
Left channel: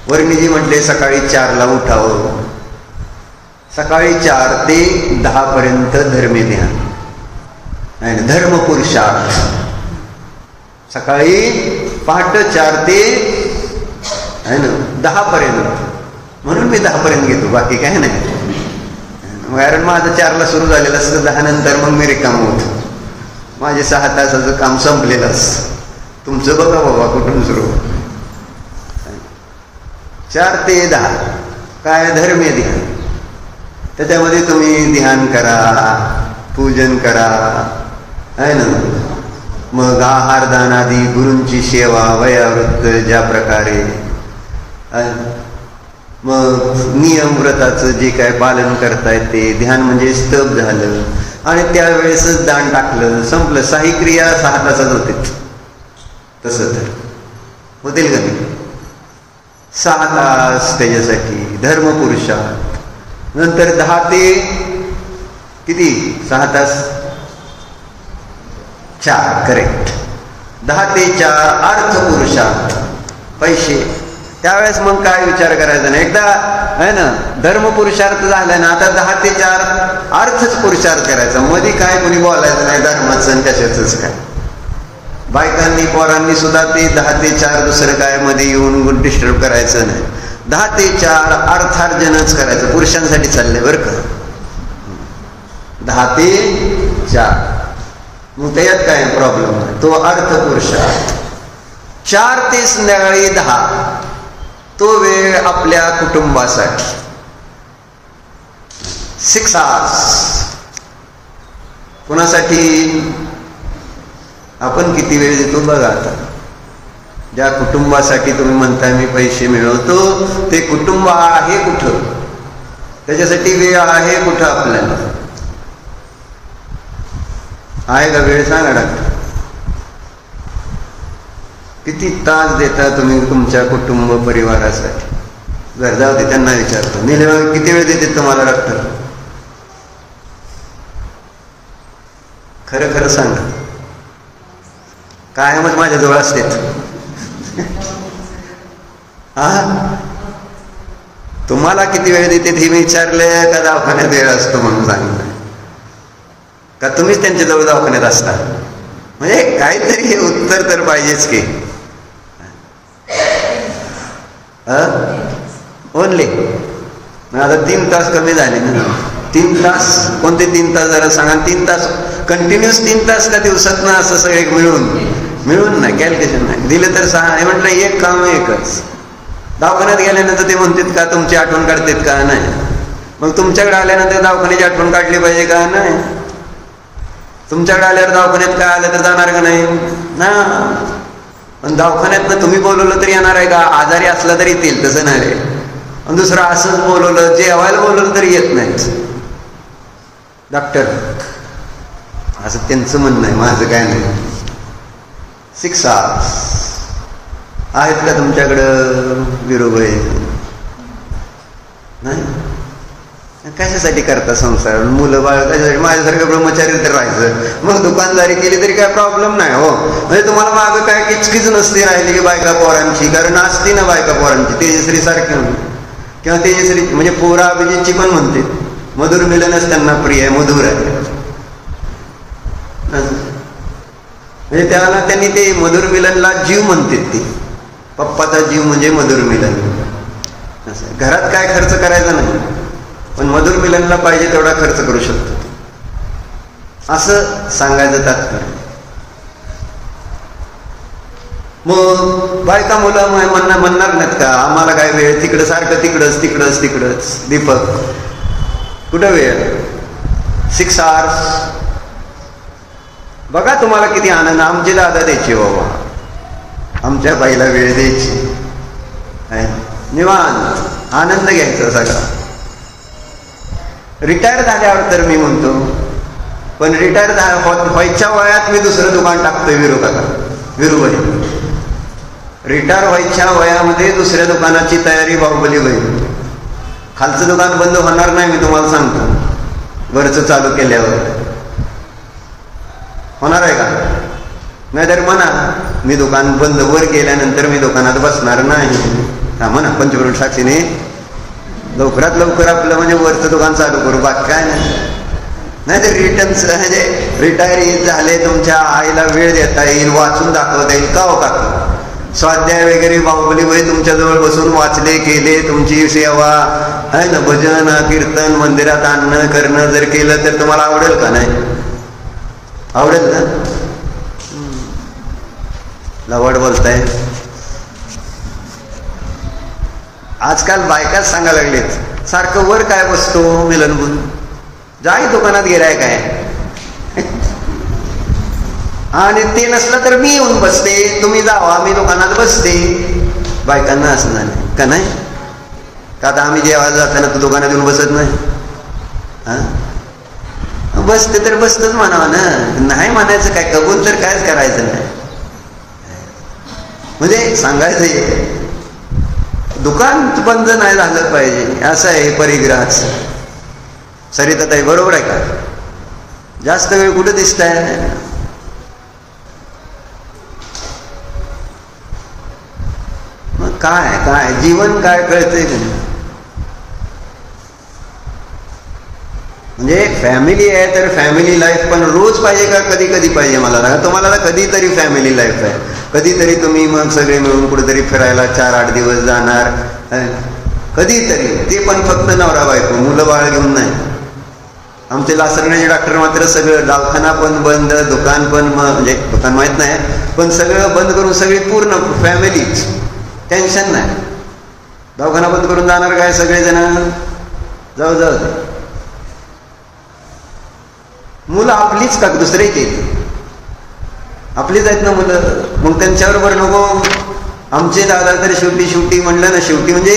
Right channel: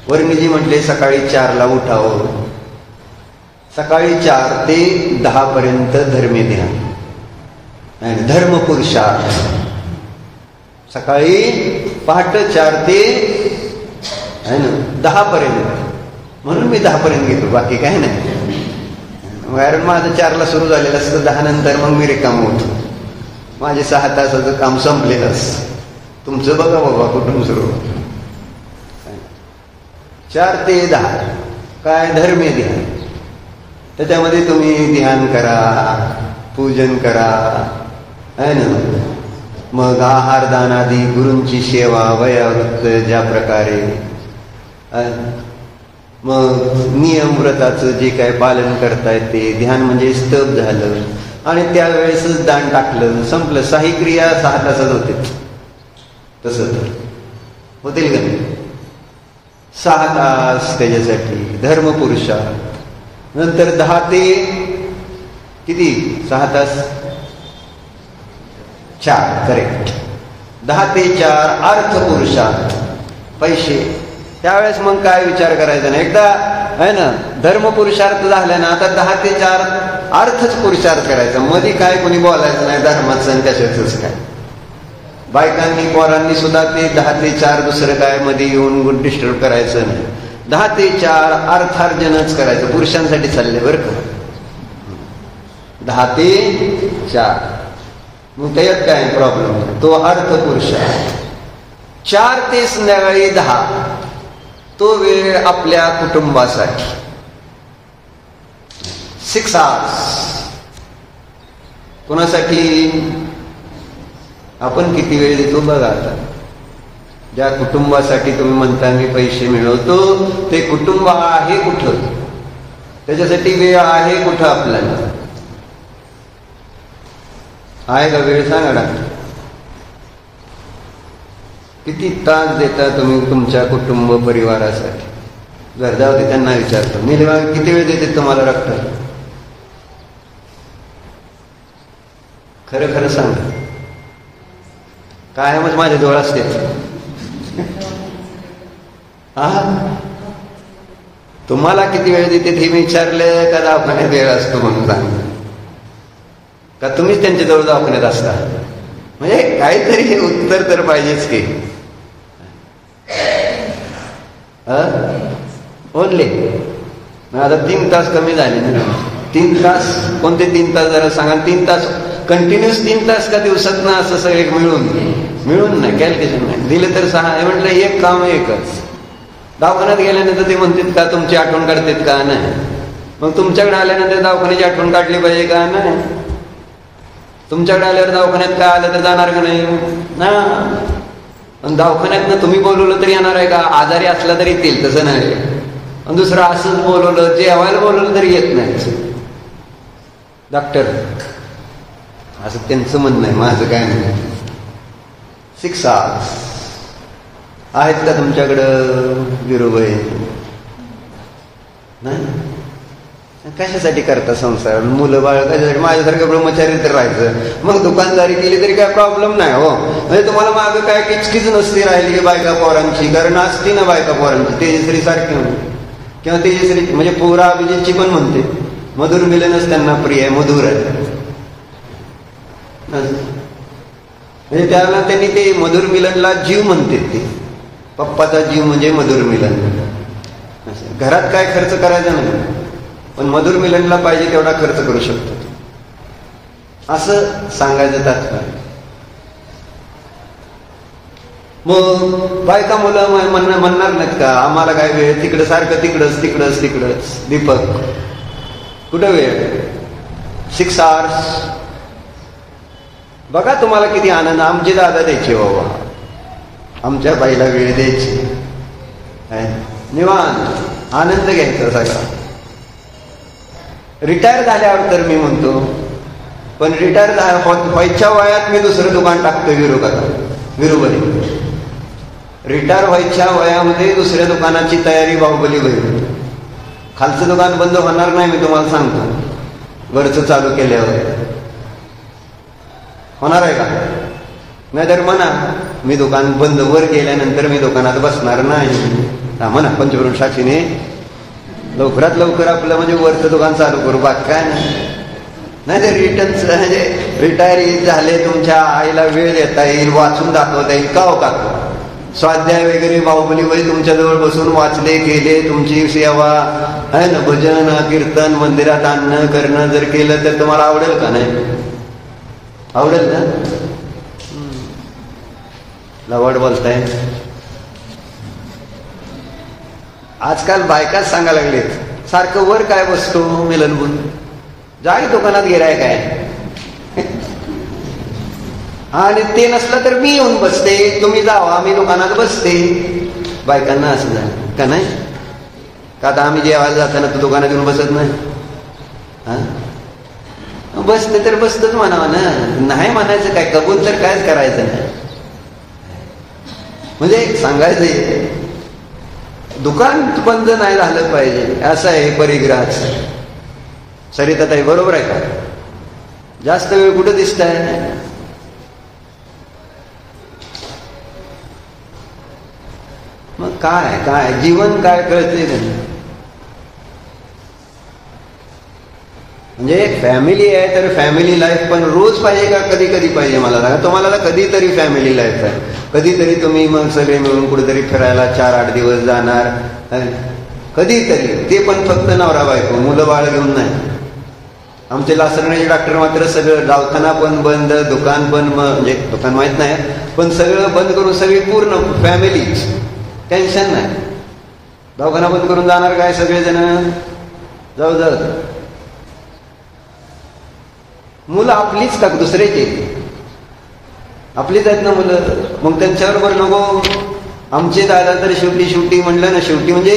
वर्णिजी म्हटले सकाळी 4ला उठावं. सकाळी 4 ते 10 पर्यंत धर्मी ध्यान नाही धर्म पुरुषार्थ. सकाळी पहाटे 4 ते 10 पर्यंत म्हणून मी 10 पर्यंत घेतो, बाकी काय नाही. कारण माझं 4ला सुरू झालेलं असतं, 10 नंतर मग मी रिकाम होतो. माझे 6 तासाचं काम संपलेलं असतं. तुमचं बघा बाबा कुठून सुरू. 4 ते 10 काय धर्मीय ध्यान. त्याच्यामध्ये तुम्ही ध्यान करा, पूजन करा आहे ना. मग आहारदान आदी गुरूंची सेवा वयावृत्त ज्या प्रकारे, मग नियम व्रताचं जे काय पालन करतायत ते ध्यान म्हणजे स्तब झालं आणि त्यावेळेसच दान टाकलं, संपलं. 6 क्रिया 6 तासात होते. तसं तर होतील का नाही. 6 तास त्याच्यासाठी धर्मपुरुषा. नंतर 10 ते किती 6 तास 4 करेक्ट. 10 ते 4 अर्थपुरुषा पैसे. त्यावेळेस मग काय विचार करायचा नाही. एकदा आहे ना धर्मपुरुषार्थ झाला ना, आता 10 ते 4 अर्थच पुरुषार्थ करायचा. मध्ये काय कोणी बोलायचं नाही धर्माचं कशाच काय. बायकांनी पोरांनी सुद्धा ते 10 ते 4 दुसरं काय मध्ये येऊन डिस्टर्ब करायचं नाही. 10 ते 4 अर्थार्जनच करायचं. पुरुषांसाठी चालले बरं का. 10 ते 4 मग त्यात काय प्रॉब्लेम आहे. तो अर्थ पुरुषार्थ. 4 ते संध्याकाळी 10 तो वेळ आपल्या कुटुंबासाठी. 6 आवर्स कुणासाठी. आपण किती वेळ देतो बघा. आता ज्या कुटुंबासाठी तुम्ही म्हणताय मी पैसे मिळवतो, ते कुटुंब आहे कुठं, त्याच्यासाठी वेळ आहे कुठं आपल्याला. आहे का वेळ सांगा डॉक्टर. किती तास देता तुम्ही तुमच्या कुटुंब परिवारासाठी. जर जाऊ दे त्यांना विचारतो निलेवाग किती वेळ देते तुम्हाला डॉक्टर. खरं खरं सांगा. कायमच माझ्या जवळ असते. तुम्हाला किती वेळ देते हे विचारले का दवाखान्यात वेळ असतो म्हणून सांगितलं का तुम्हीच त्यांच्या जवळ दवाखान्यात असता. म्हणजे काहीतरी हे उत्तर तर पाहिजेच की. ओनली. आता 3 तास कमी झाले ना. 3 तास कोणते 3 तास जरा सांगा. 3 तास कंटिन्युअस 3 तास का दिवसात ना असं सगळे मिळून नाही, कॅल्क्युलेशन नाही दिलं तर 6. हे म्हटलं एक काम एकच. दवाखान्यात गेल्यानंतर ते म्हणतात का तुमची आठवण काढतात का? नाही. मग तुमच्याकडे आल्यानंतर दवाखान्याची आठवण काढली पाहिजे का? नाही. तुमच्याकडे आल्यावर दवाखान्यात काय आलं तर जाणार का नाही ना. दवाखान्यात ना तुम्ही बोलवलं तरी येणार आहे का? आजारी असला तरी येतील, तसं नाही रे. आणि दुसरं असंच बोलवलं, जेवायला बोलवलं तरी येत नाहीत डॉक्टर. असं त्यांचं म्हणणं आहे, माझं काय नाही. 6 hours आहेत का तुमच्याकडं विरोबाई? नाही. कशासाठी करता संसार? मुलं बाळ कशासाठी? माझ्यासारखं ब्रह्मचारी तर राहायचं, मग दुकानदारी केली तरी काय प्रॉब्लेम नाही हो. म्हणजे तुम्हाला मागं काय किचकीच नसते राहिली की बायका पोरांची, कारण असते ना बायका पोरांची. तेजश्री सारखी किंवा तेजश्री म्हणजे पोरा अभिजितची पण म्हणते मधुर मिलनच त्यांना प्रिय आहे, मधुर आहे. म्हणजे त्याला त्यांनी ते मधुर मिलनला जीव म्हणतात. ते पप्पाचा जीव म्हणजे मधुर मिलन. घरात काय खर्च करायचा नाही, पण मधुर मिलनला पाहिजे तेवढा खर्च करू शकतो, असं सांगायचं तात्पर्य. मग बायका मुलं म्हणणार नाहीत का आम्हाला काय वेळ, तिकडं सारखं तिकडंच. दीपक कुठं वेळ? 6 hours. बघा तुम्हाला किती आनंद. आमचे दादा द्यायचे बाबा, आमच्या बाईला वेळ द्यायची, निवांत आनंद घ्यायचा सगळा. रिटायर झाल्यावर तर मी म्हणतो, पण रिटायर व्हायच्या वयात मी दुसरं दुकान टाकतोय विरोबाई. रिटायर व्हायच्या वयामध्ये दुसऱ्या दुकानाची तयारी बाहुबली होईल. खालचं दुकान बंद होणार नाही, मी तुम्हाला सांगतो. वरचं चालू केल्यावर होणार आहे का? नाहीतर म्हणा मी दुकान बंद, वर गेल्यानंतर मी दुकानात बसणार नाही. म्हणा पंचवरुण साक्षीने लवकरात लवकर आपलं म्हणजे वरचं दुकान चालू करू, बाकी काय नाही. तर रिटर्न म्हणजे रिटायर झाले, तुमच्या आईला वेळ देता येईल, वाचून दाखवता येईल. का हो का स्वाध्याय वगैरे बाहुबली वय तुमच्याजवळ बसून वाचले केले, तुमची सेवा आहे ना, भजन कीर्तन मंदिरात आणणं करणं जर केलं तर तुम्हाला आवडेल का? नाही आवडेल ना. लवड बोलताय. आजकाल बायकाच सांगायला लागलेत सारखं वर काय बसतो मिलन म्हणून, जाई दुकानात गिराय काय. आणि ते नसलं तर मी येऊन बसते, तुम्ही जावा मी दुकानात बसते. बायकांना असणार का नाही का? आता आम्ही जेव्हा जाताना तू दुकानात येऊन बसत नाही. बसते तर बसतच म्हणावं ना, नाही म्हणायचं काय, कबूल तर कायच करायचं नाही. म्हणजे सांगायचं दुकान बंद नाही झालं पाहिजे, असं आहे परिग्रहाचं. सरिताताई बरोबर आहे का? जास्त वेळ कुठं दिसताय? मग काय जीवन काय कळतंय का? म्हणजे फॅमिली आहे तर फॅमिली लाईफ पण रोज पाहिजे का कधी कधी पाहिजे? मला सांगा, तुम्हाला कधीतरी फॅमिली लाईफ आहे, कधीतरी तुम्ही मग सगळे मिळून कुठेतरी फिरायला 4-8 दिवस जाणार कधीतरी, ते पण फक्त नवरा बायको, मुलं बाळ घेऊन नाही. आमचे लासरण्याचे डॉक्टर मात्र सगळं दवाखाना पण बंद, दुकान पण म्हणजे दुकान माहित नाही पण सगळं बंद करून सगळी पूर्ण फॅमिली, टेन्शन नाही. दवाखाना बंद करून जाणार काय सगळेजण? जाऊ मुलं आपलीच का दुसरे केली? आपलीच आहेत ना मुलं, मग त्यांच्याबरोबर नको. आमचे दादा तर शेवटी म्हणलं ना, शेवटी म्हणजे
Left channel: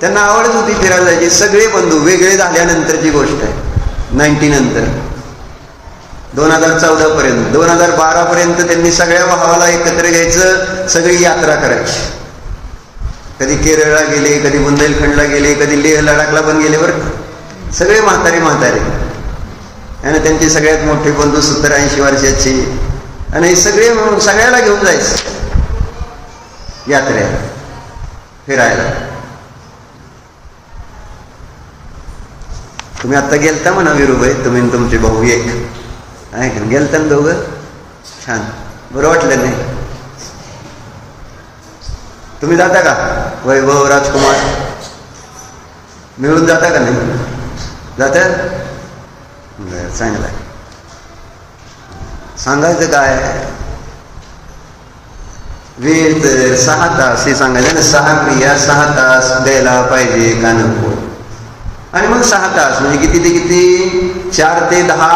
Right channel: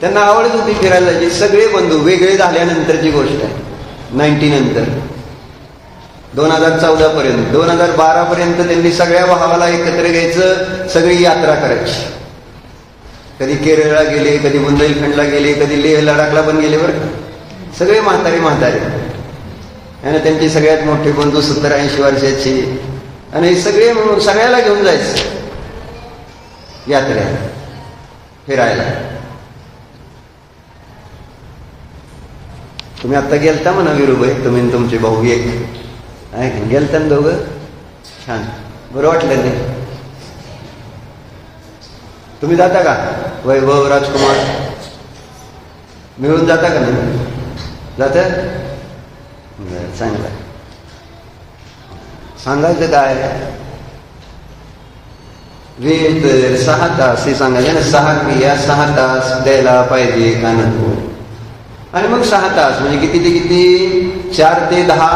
त्यांना आवडत होती फिरायला जायची. सगळे बंधू वेगळे झाल्यानंतरची गोष्ट आहे. 90 नंतर 2014 पर्यंत 2012 पर्यंत त्यांनी सगळ्या भावाला एकत्र घ्यायचं, सगळी यात्रा करायची. कधी केरळला गेले, कधी बुंदेलखंडला गेले, कधी लेह लडाखला पण गेले. बरं सगळे म्हातारे आणि त्यांचे सगळ्यात मोठे बंधू 70-80 वर्षाचे, आणि सगळे म्हणून सगळ्याला घेऊन जायचं यात्रेला फिरायला. तुम्ही आता गेलता म्हणा विरुबाई, तुम्ही तुमचे भाऊ एक गेलता ना दोघं, छान बरं वाटलं नाही? तुम्ही जाता का? वैभव राजकुमार मिळून जाता का नाही? जात? चांगलं. सांगायचं काय? वेळ तर 6 तास हे सांगायचं ना. 6 क्रिया 6 तास द्यायला पाहिजे का नको? आणि मग 6 तास म्हणजे किती ते किती? 4 ते 10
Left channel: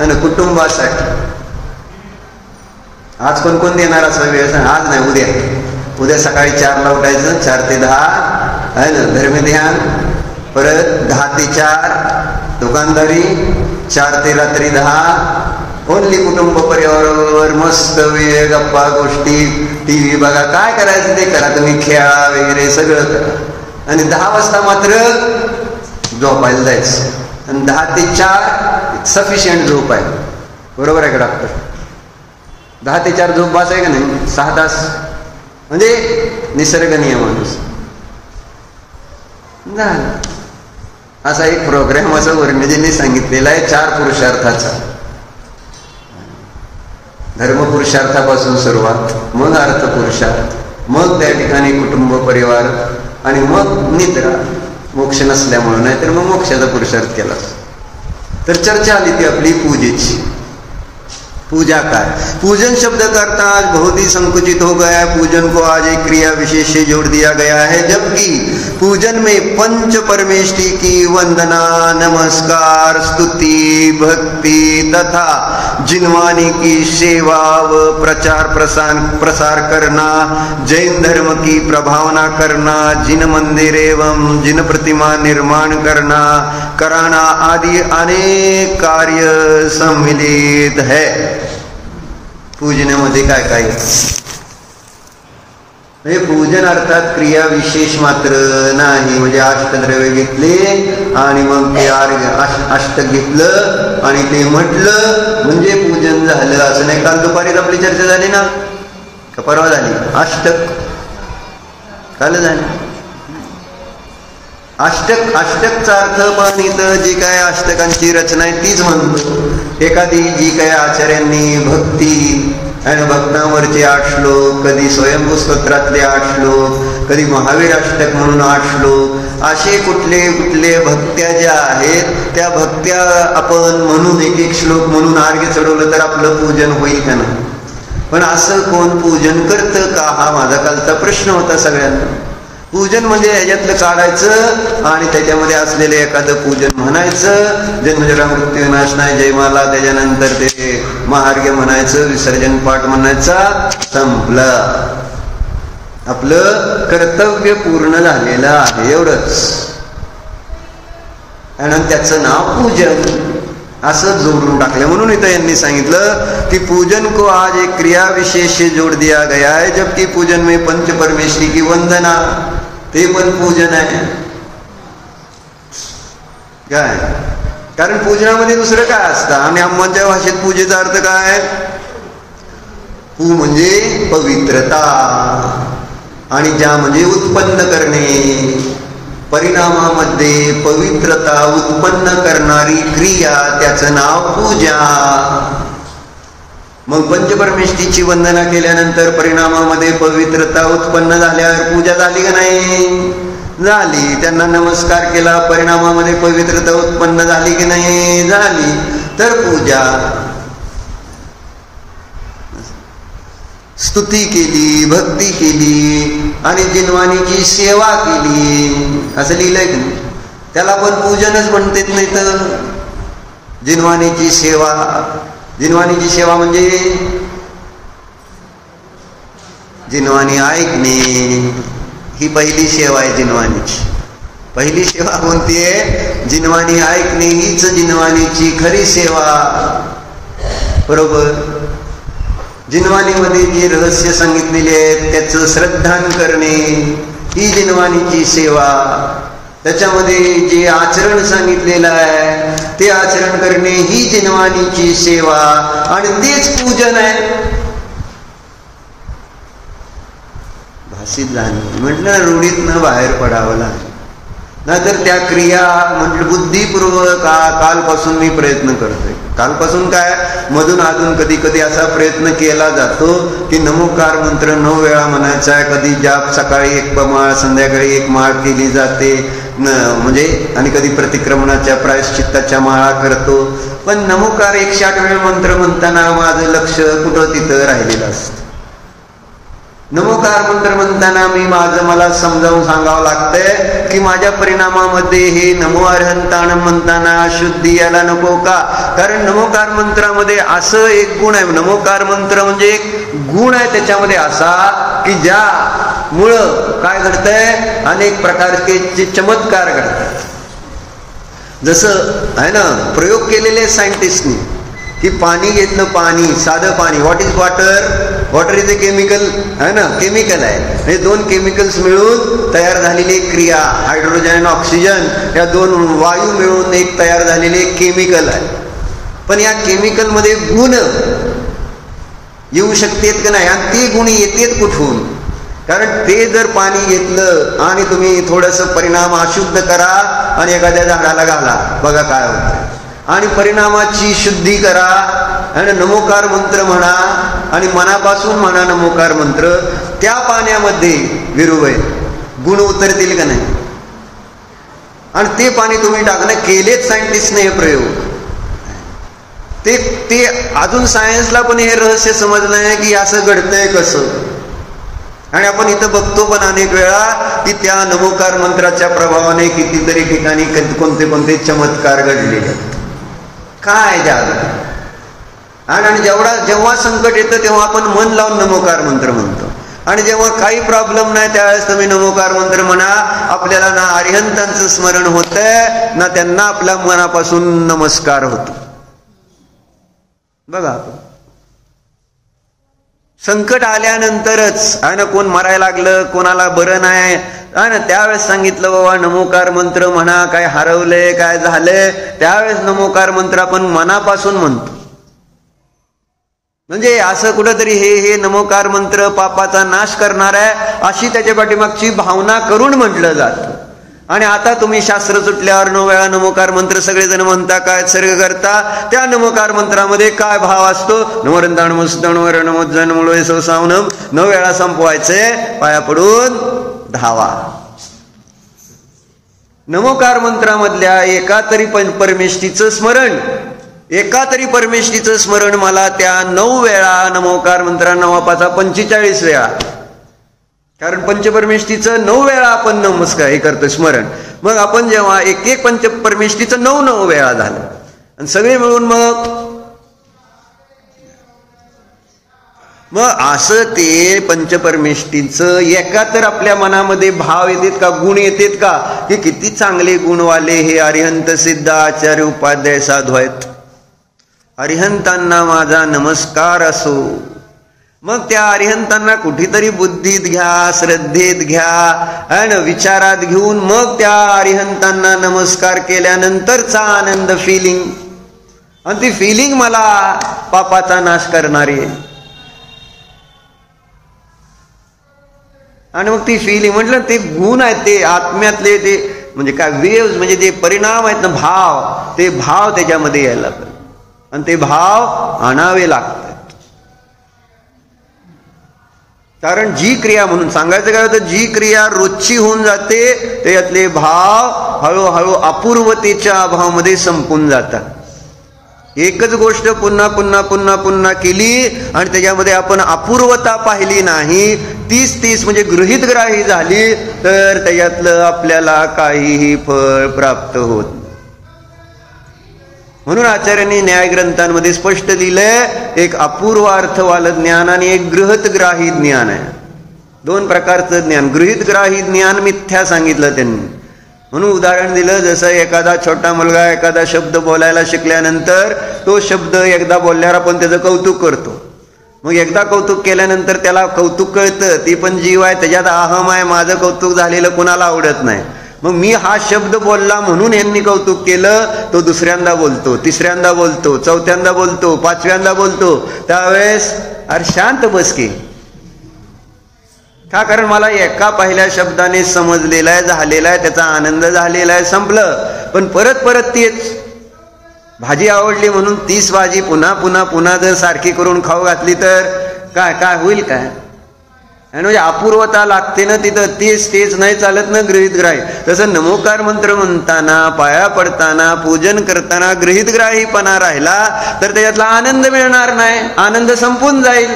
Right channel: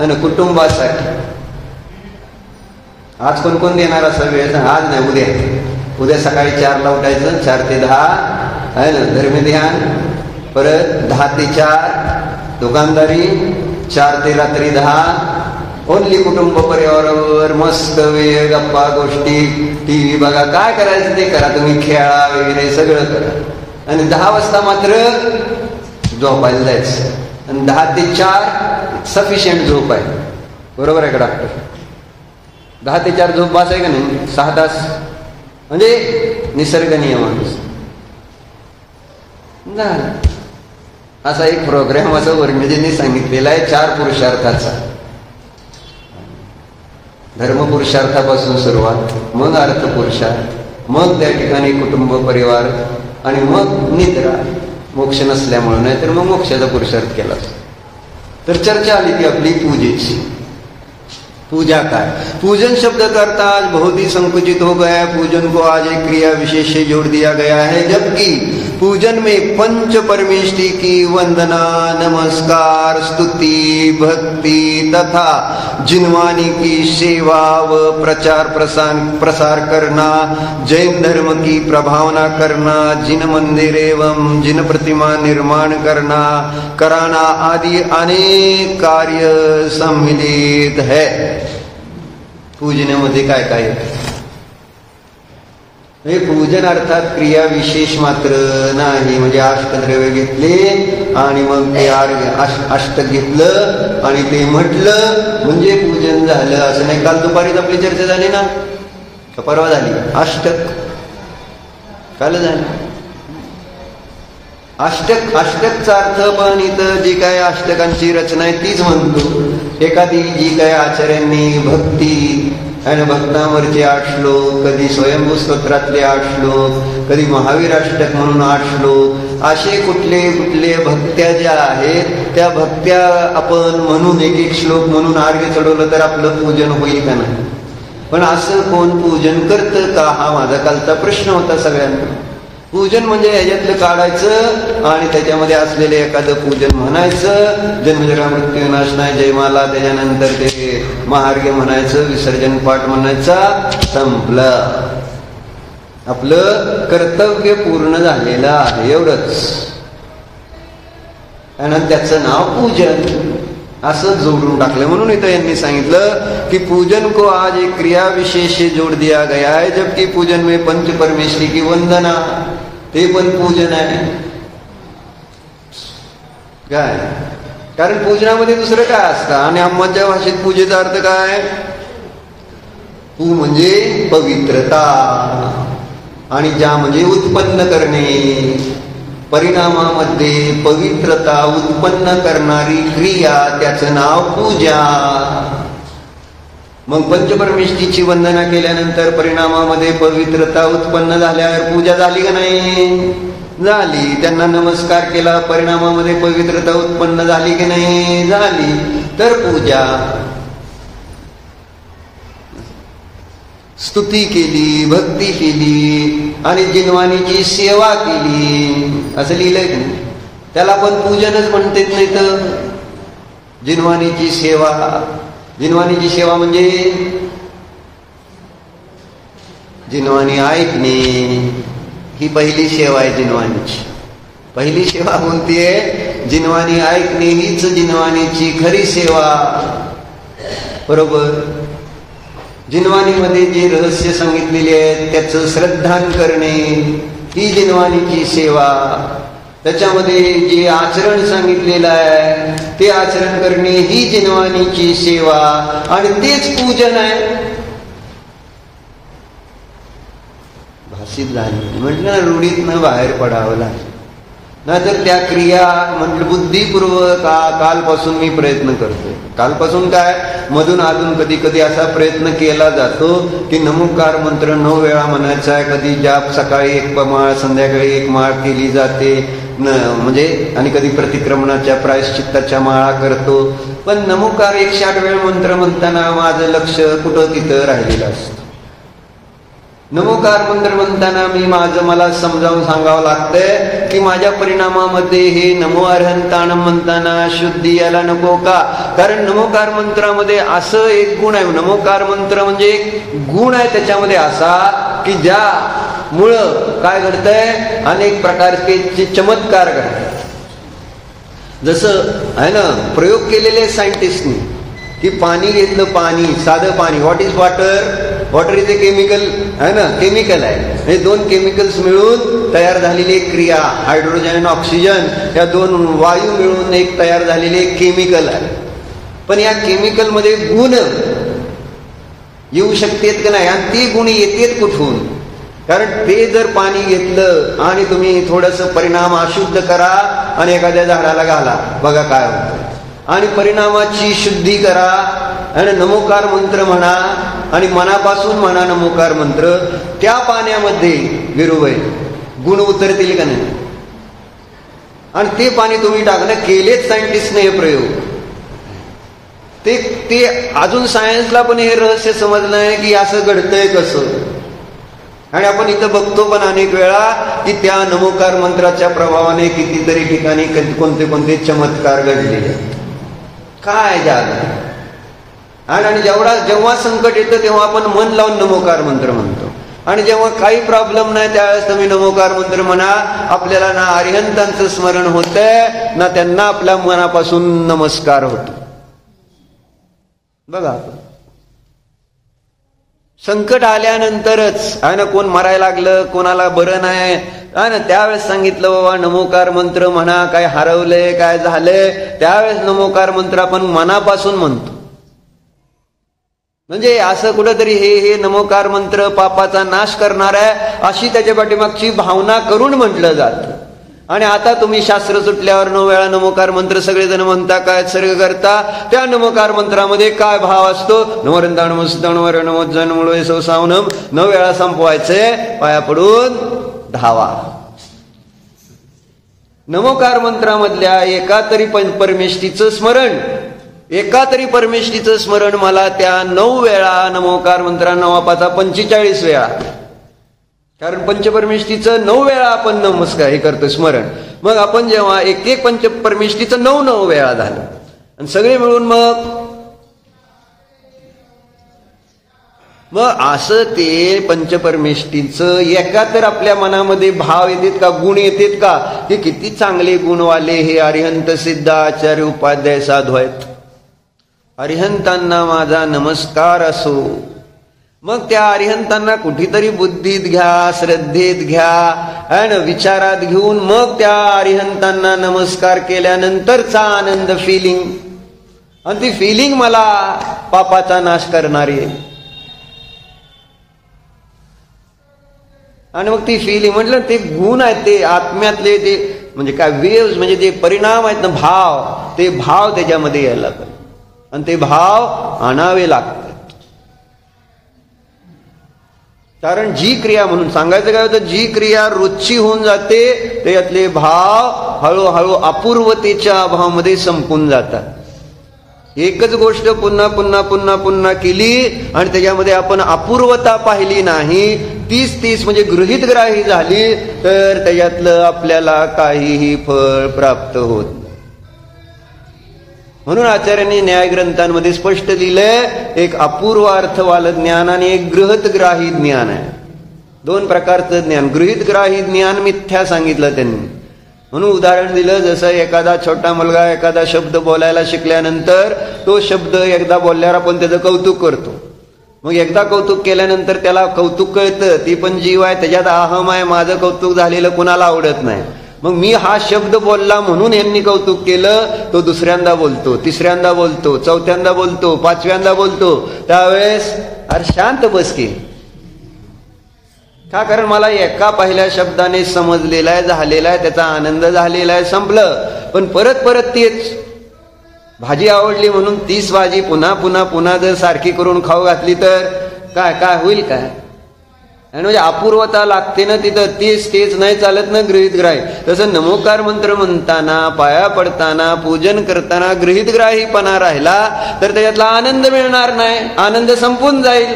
आणि कुटुंबासाठी. आज कोण कोण देणार असा वेळ सांग? आज नाही, उद्या. उद्या सकाळी 4ला उठायचं, 4 ते 10 आहे ना धर्मध्यान, परत 10 ते 4 दुकानदारी, 4 ते रात्री 10 ओनली कुटुंब परिवारावर मस्त वेळ, गप्पा गोष्टी, टीव्ही बघा, काय करायचं ते करा तुम्ही, खेळा वगैरे सगळं करा. आणि 10 वाजता मात्र झोपायला जायचं. आणि 10 ते 4 सफिशियंट झोप आहे. बरोबर आहे का डॉक्टर? 10 ते 4 झोप बास आहे का नाही? 6 तास म्हणजे निसर्ग नियमानुसार झालं. असा एक प्रोग्राम असं वर्णजींनी सांगितलेला आहे 4 पुरुषार्थाचा. धर्मपुरुषार्थापासून सुरुवात, मग अर्थपुरुषार्थ, मग त्या ठिकाणी कुटुंब परिवार, आणि मग निद्रा. मोक्ष नसल्यामुळे, नाहीतर मग मोक्षाचा पुरुषार्थ केला. तर चर्चा आली ती आपली पूजेची. पूजा का? पूजन शब्द का अर्थ आज बहुत ही संकुचित हो गया है. पूजन को आज एक क्रिया विशेष से जोड़ दिया गया है, जबकि पूजन में पंच परमेष्टि की वंदना, नमस्कार, स्तुति, भक्ति तथा जिनवानी की सेवा व प्रचार प्रसार करना, जैन धर्म की प्रभावना करना, जिन मंदिर एवं जिन प्रतिमा निर्माण कराना आदि अनेक कार्य सम्मिलित है. पूजनामध्ये काय काय? म्हणजे पूजन अर्थात क्रिया विशेष मात्र नाही. म्हणजे अष्टद्रव्य घेतले आणि मग ते अष्टक घेतलं आणि ते म्हटलं म्हणजे पूजन झालं असं नाही. काल दुपारीच आपली चर्चा झाली ना, का परवा झाली? अष्टक काल झाली. अष्टकचा अर्थ मग इथं जी काय अष्टकांची रचना आहे तीच म्हणतो. एखादी जी काय आचार्यांनी भक्ती आणि भक्तांवरचे 8 श्लोक, कधी स्वयंभू स्तोत्रातले 8 श्लोक, कधी महावीर अष्टक म्हणून 8 श्लोक, असे कुठले कुठले भक्त्या ज्या आहेत त्या भक्त्या आपण म्हणून एक श्लोक म्हणून अर्घ्य चढवलं तर आपलं पूजन होईल का ना? पण असं कोण पूजन करतं का? हा माझा कालचा प्रश्न होता सगळ्यांना. पूजन म्हणजे ह्याच्यातलं काढायचं आणि त्याच्यामध्ये असलेले एखादं पूजन म्हणायचं, जन्मजरा मृत्यू नाश नाही जयमाला, त्याच्यानंतर ते महार्घ्य म्हणायचं, विसर्जन पाठ म्हणायचा, संपलं. आपलं कर्तव्य पूर्ण झालेलं आहे, एवढंच. आणि त्याचं नाव पूजन असं जोडून टाकलं. म्हणून इथं यांनी सांगितलं की पूजन को आज एक क्रिया विशेष जोड़ दिया गया है, जबकि पूजन में पंच परमेष्टि की वंदना, ते पण पूजन आहे. काय? कारण पूजनामध्ये दुसरं काय असतं? आणि आम्हाच्या भाषेत पूजेचा अर्थ काय? पू म्हणजे पवित्रता, आणि ज्या म्हणजे उत्पन्न करणे. परिणामामध्ये पवित्रता उत्पन्न करणारी क्रिया, त्याचं नाव पूजा. मग पंचपरमेष्टीची वंदना केल्यानंतर परिणामामध्ये पवित्रता उत्पन्न झाल्यावर पूजा झाली का नाही? झाली. त्यांना नमस्कार केला, परिणामामध्ये पवित्रता उत्पन्न झाली की नाही? झाली. तर पूजा. स्तुती केली, भक्ती केली आणि जिनवानीची सेवा केली, असं लिहिलंय की नाही? त्याला पण पूजनच म्हणतात. नाही तर जिनवानीची सेवा. जिनवानीची सेवा म्हणजे जिनवाणी ऐकणे, ही पहिली सेवा आहे जिनवानीची. पहिली सेवा कोणती आहे? जिनवाणी ऐकणे, हीच जिनवानीची खरी सेवा. बरोबर. जिनवाणीमध्ये जे रहस्य सांगितलेले आहेत त्याचं श्रद्धान करणे, ही जिनवाणीची सेवा. त्याच्यामध्ये जे आचरण सांगितलेलं आहे ते आचरण करणे, ही जिनवानीची सेवा. आणि तेच पूजन आहे. भाषित झालं म्हटलं, रूढीतनं बाहेर पडावं लागलं. नाहीतर त्या क्रिया म्हणजे बुद्धिपूर्वक कालपासून मी प्रयत्न करतोय. कालपासून काय, मधून अजून कधी कधी असा प्रयत्न केला जातो की नमोकार मंत्र 9 वेळा म्हणायचा आहे. कधी जाप सकाळी 1 माळ, संध्याकाळी 1 माळ केली जाते म्हणजे, आणि कधी प्रतिक्रमणाच्या प्रायश्चित्ताच्या माळा करतो. पण नमोकार 108 वेळ मंत्र म्हणताना माझं लक्ष कुठं तिथं राहिलेलं असतं. नमोकार मंत्र म्हणताना मला समजावून सांगावं लागतंय की माझ्या परिणामामध्ये हे नमो अरहंताणं म्हणताना शुद्धी यायला नको का. कारण नमोकार मंत्रामध्ये असं एक गुण आहे, नमोकार मंत्र म्हणजे एक गुण आहे त्याच्यामध्ये असा की ज्यामुळं काय घडतंय, अनेक प्रकारचे चमत्कार घडतात. जसं आहे ना, प्रयोग केलेले सायंटिस्टनी की पाणी घेतलं, पाणी साधं पाणी, what is water, water is a chemical आहे ना, केमिकल आहे. हे 2 केमिकल्स मिळून तयार झालेली एक क्रिया, हायड्रोजन आणि ऑक्सिजन या 2 वायू मिळून एक तयार झालेले एक केमिकल आहे. पण या केमिकल मध्ये गुण येऊ शकतेत का नाही, आणि ती गुण येतेत कुठून. कारण ते जर पाणी घेतलं आणि तुम्ही थोडंसं परिणाम अशुद्ध करा आणि एखाद्या झाडाला घाला, बघा काय होतं. आणि परिणामाची शुद्धी करा आणि नमोकार मंत्र म्हणा आणि मनापासून म्हणा नमोकार मंत्र, त्या पाण्यामध्ये विरुबाई गुण उतरतील का नाही. आणि ते पाणी तुम्ही टाकणं केलेच सायंटिस्टने हे प्रयोग. ते अजून सायन्सला पण हे रहस्य समजलं नाही की असं घडतंय कसं. आणि आपण इथं बघतो पण अनेक वेळा की त्या नमोकार मंत्राच्या प्रभावाने कितीतरी ठिकाणी कोणते कोणते चमत्कार घडलेले. काय आणि जेव्हा संकट येतं तेव्हा आपण मन लावून नमोकार मंत्र म्हणतो. आणि जेव्हा काही प्रॉब्लेम नाही त्यावेळेस तुम्ही नमोकार मंत्र म्हणा, आपल्याला ना अरिहंतांचं स्मरण होतंय ना त्यांना आपल्या मनापासून नमस्कार होतो. बघा, संकट आल्यानंतरच आहे ना, कोण मरायला लागलं, कोणाला बरं नाही आहे ना, त्यावेळेस सांगितलं बाबा नमोकार मंत्र म्हणा, काय हरवलंय काय झालंय, त्यावेळेस नमोकार मंत्र आपण मनापासून म्हणतो. म्हणजे असं कुठंतरी हे नमोकार मंत्र पापाचा नाश करणार आहे अशी त्याच्या पाठीमागची भावना करून म्हटलं जातं. आणि आता तुम्ही शास्त्र सुटल्यावर 9 वेळा नमोकार मंत्र सगळेजण म्हणता, काय सर्ग करता, त्या नमोकार मंत्रामध्ये काय भाव असतो, नमोरंदाण मस्ताण वर नमोजन मुळे सवसावनम 9 वेळा संपवायचे, पाया पडून धावा. नमोकार मंत्रामधल्या एका तरी परमेष्ठीचं स्मरण मला त्या 9 वेळा नमोकार मंत्रा 9 45 वेळा, कारण पंचपरमेष्ठीचं 9 वेळा आपण नमस्कार हे करतो स्मरण. मग आपण जेव्हा एक पंचपरमेष्ठीचं 9 वेळा झालं आणि सगळे मिळून मग असं ते पंचपरमेष्ठीचं एका तर आपल्या मनामध्ये भाव येतात का, गुण येतात का, की किती चांगले गुणवाले हे अरिहंत सिद्ध आचार्य उपाध्याय साधू आहेत, अरिहंतांना माझा नमस्कार असो. मग त्या अरिहंतांना कुठेतरी बुद्धीत घ्या, श्रद्धेत घ्या आणि विचारात घेऊन मग त्या अरिहंतांना नमस्कार केल्यानंतरचा आनंद फिलिंग, आणि ती फिलिंग मला पापाचा नाश करणारी आहे. आणि मग ती फिलिंग म्हटलं ते गुण आहेत, ते आत्म्यातले ते म्हणजे काय वेव्स, म्हणजे जे परिणाम आहेत ना, भाव, ते भाव त्याच्यामध्ये यायला पाहिजे आणि ते भाव आणावे लागतात. कारण जी क्रिया, म्हणून सांगायचं काय होतं, जी क्रिया रोजची होऊन जाते त्यातले भाव हळूहळू अपूर्वतेच्या अभावामध्ये संपून जातात. एकच गोष्ट पुन्हा पुन्हा पुन्हा पुन्हा केली आणि त्याच्यामध्ये आपण अपूर्वता पाहिली नाही, 30 म्हणजे गृहीतग्राही झाली, तर त्याच्यातलं आपल्याला काहीही फळ प्राप्त होत नाही. म्हणून आचार्यांनी न्याय ग्रंथांमध्ये स्पष्ट लिहिलंय, एक अपूर्व अर्थवालं ज्ञान आणि एक गृहीतग्राही ज्ञान आहे. 2 प्रकारचं ज्ञान. गृहीतग्राही ज्ञान मिथ्या सांगितलं त्यांनी. म्हणून उदाहरण दिलं, जसं एखादा छोटा मुलगा एखादा शब्द बोलायला शिकल्यानंतर तो शब्द एकदा बोलल्यावर आपण त्याचं कौतुक करतो. मग एकदा कौतुक केल्यानंतर त्याला कौतुक कळतं, ती पण जीव आहे, त्याच्यात अहम आहे, माझं कौतुक झालेलं कुणाला आवडत नाही. मग मी हा शब्द बोलला म्हणून यांनी कौतुक केलं, तो दुसऱ्यांदा बोलतो, तिसऱ्यांदा बोलतो, चौथ्यांदा बोलतो, 5व्यांदा बोलतो. त्यावेळेस अरे शांत बस की, का? कारण मला एका पहिल्या शब्दाने समजलेला आहे, झालेला आहे, त्याचा आनंद झालेला आहे, संपलं. पण परत परत तेच भाजी आवडली म्हणून 30 भाजी पुन्हा पुन्हा पुन्हा जर सारखी करून खाऊ घातली तर काय काय होईल? काय म्हणजे अपूर्वता लागते ना तिथं. तेच नाही चालत ना गृहीत ग्राही. तसं नमोकार मंत्र म्हणताना, पाया पडताना, पूजन करताना गृहीत ग्राहीपणा राहिला तर त्याच्यातला आनंद मिळणार नाही, आनंद संपून जाईल.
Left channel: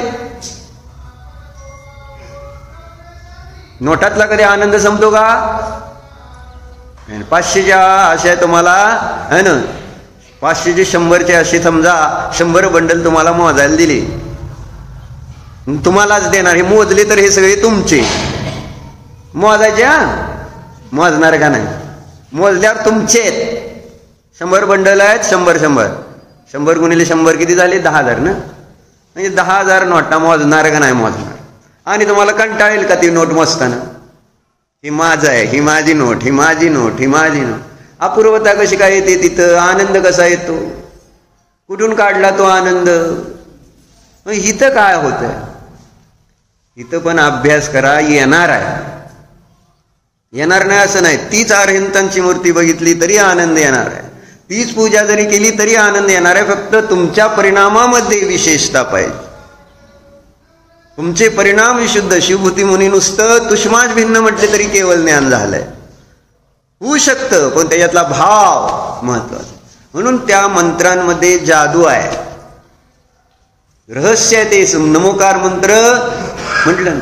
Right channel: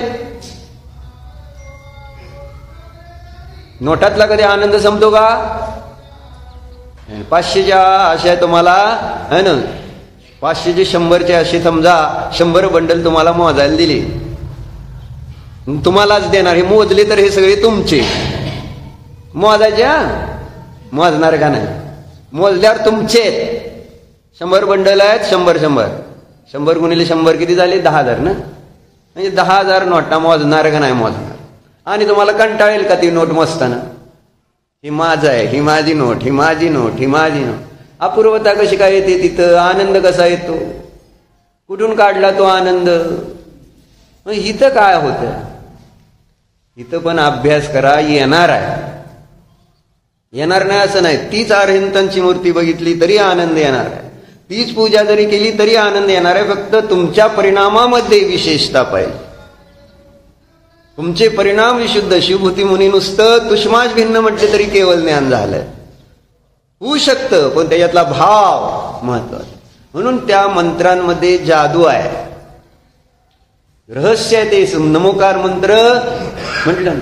नोटातला कधी आनंद संपतो का? 500च्या अशा तुम्हाला है ना, 500चे 100चे असे समजा 100 बंडल तुम्हाला मोजायला दिले, तुम्हालाच देणार. हे मोजले तर हे सगळे तुमचे. मोजायचे मोजणार का नाही? मोजल्यावर तुमचे 100 बंडल आहेत. 100 गुणिले 100 किती झाले? 10,000 ना. म्हणजे 10,000 नोटा मोजणार का नाही मोजणार? आणि तुम्हाला कंटाळेल का ती नोट मोजताना? ही माझं आहे, ही माझी नोट, ही माझी नोट, ही माझी नोट. अपूर्वता कशी काय येते तिथं? आनंद कसा येतो? कुठून काढला तो आनंद? इथं काय होतं? इथं पण अभ्यास करा, येणार आहे. येणार नाही असं नाही. तीच अरहंतांची मूर्ती बघितली तरी आनंद येणार आहे, तीच पूजा जरी केली तरी आनंद येणार आहे. फक्त तुमच्या परिणामामध्ये विशेषता पाहिजे. तुमचे परिणाम विशुद्ध. शिवभूती मुनी नुसतं तुष्माच भिन्न म्हटले तरी केवळ ज्ञान झालंय. होऊ शकतं, पण त्याच्यातला भाव महत्वाचा. म्हणून त्या मंत्रांमध्ये जादू आहे, रहस्य आहे. ते नमोकार मंत्र म्हटलं ना,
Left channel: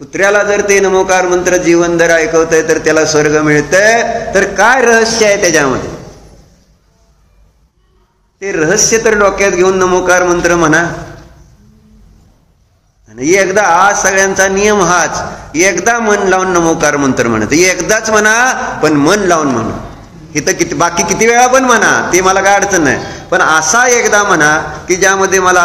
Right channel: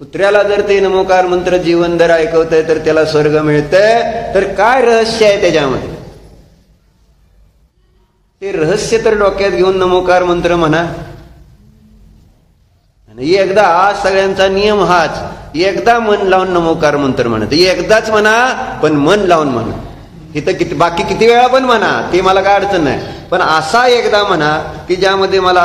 कुत्र्याला जर ते नमोकार मंत्र जीवनभर ऐकवतंय तर त्याला स्वर्ग मिळतंय, तर काय रहस्य आहे त्याच्यामध्ये? ते रहस्य तर डोक्यात घेऊन नमोकार मंत्र म्हणा. एकदा सगळ्यांचा नियम हाच, एकदा मन लावून नमोकार मंत्र म्हणत. एकदाच म्हणा, पण मन लावून म्हणा. इथं किती बाकी किती वेळा पण म्हणा, ते मला काय अडचण नाही. पण असा एकदा म्हणा की ज्यामध्ये मला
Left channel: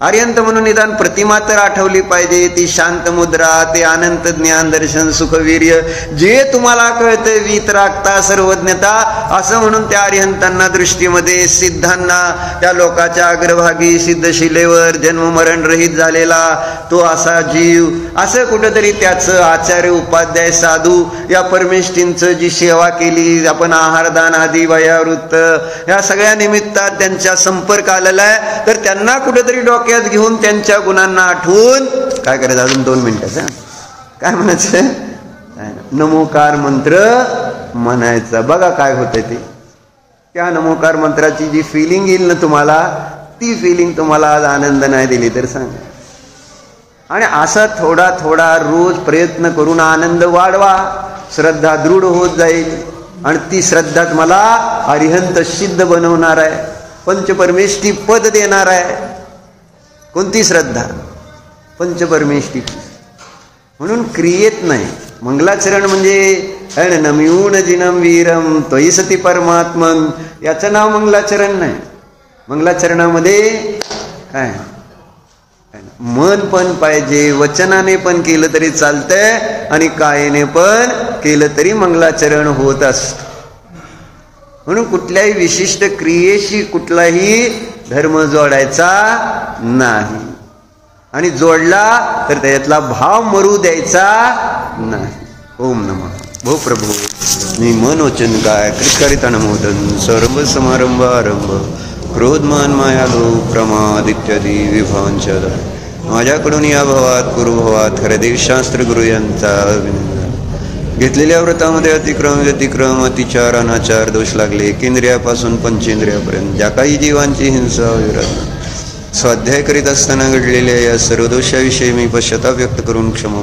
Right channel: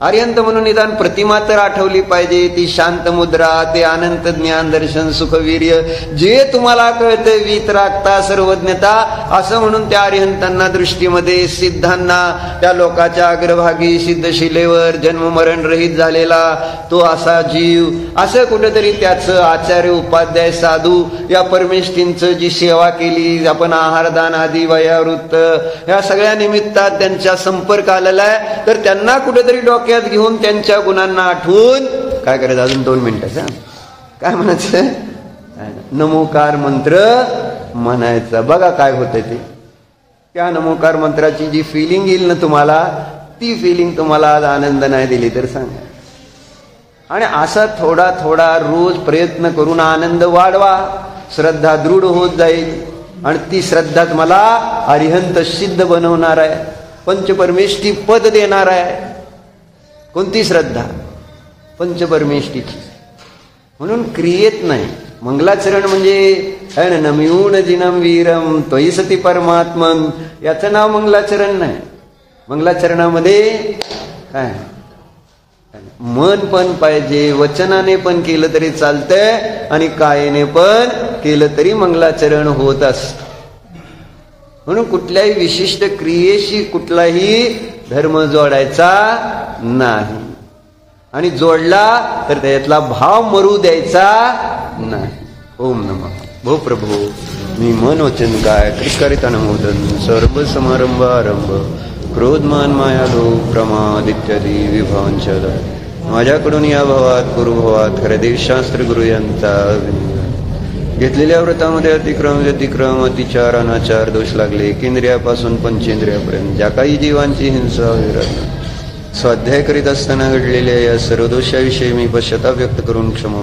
अरिहंत म्हणून निदान प्रतिमा तर आठवली पाहिजे. ती शांत मुद्रा, ते अनंत ज्ञान दर्शन सुखवीर्य जे तुम्हाला कळते, वीतरागता सर्वज्ञता, असं म्हणून त्या अरिहंतांना दृष्टीमध्ये, सिद्धांना, त्या लोकाच्या अग्रभागी सिद्धशिलेवर जन्म मरण रहित झालेला तो असा जीव, असं कुठेतरी त्याचं आचार्य उपाध्याय साधू या परमेष्ठींचं जी सेवा केली आपण, आहारदान आदी वयावृत्त या सगळ्या निमित्तात त्यांच्या संपर्क आलेला आहे. तर त्यांना कुठेतरी डॉक्टर घेऊन त्यांच्या गुणांना आठवून काय करायचं? अजून 2 मिनिटं काय म्हणायचं? नमोकार मंत्र म्हणायचा. बघा काय होतं ते. त्या नमोकार मंत्राची जी फिलिंग येईल ना तुम्हाला, ती फिलिंग तुम्हाला आज आनंद नाही दिली तर सांगा. आणि असा थोडा थोडा रोज प्रयत्न करून आनंद वाढवा, श्रद्धा दृढ होत जाईल. आणि ती श्रद्धाच मला अरिहंत सिद्ध बनवणार आहे, पंचपरमेष्ठी पद देणार आहे. कोणती श्रद्धा? पंचपरमेष्ठीची. म्हणून क्रियेत नाही. मंगलाचरण म्हणजे नमिऊन जिनम वीरम त्वयि सती परमात्मन, याचं नाव मंगलाचरण नाही. मंगलाचरणामध्ये काय मन पण पाहिजे, वचनाने पण केलं तरी चालतंय आणि कायेने पण केलं तरी मंगलाचरण होत असत. म्हणून कुठल्याही विशिष्ट क्रियेशी कुठलाही धर्म जोडायचा नाही, आणि जोडला तर त्यातला भाव मरू द्यायचा नाही. ओम नमः भो प्रभो मी मनोचन काय कृतकारिता नमोदन सर्व समारंभ आरंभ क्रोधमान माया लोभ प्रमाद इत्यादी विभांचर माझ्याकडून या भावात पूर्वभावात हृदयशास्त्र गुरु यांचा घेतलेल्या व्रतामध्ये अतिक्रम अतिचार अनाचार दोष लागले, केंद्रियापासून पंचेंद्रियापर्यंत ज्या काही जीवांची हिंसा विरह स्वाध्याय करीत असताना घडलेल्या या सर्व दोषाविषयी मी पश्चाताप व्यक्त करून क्षमा.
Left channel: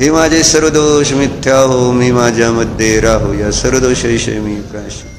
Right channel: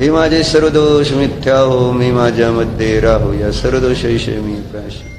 हे माझे सर्व दोष मिथ्या हो, मी माझ्यामध्ये राहो. या सर्व दोषाविषयी मी प्रायश्चित्त.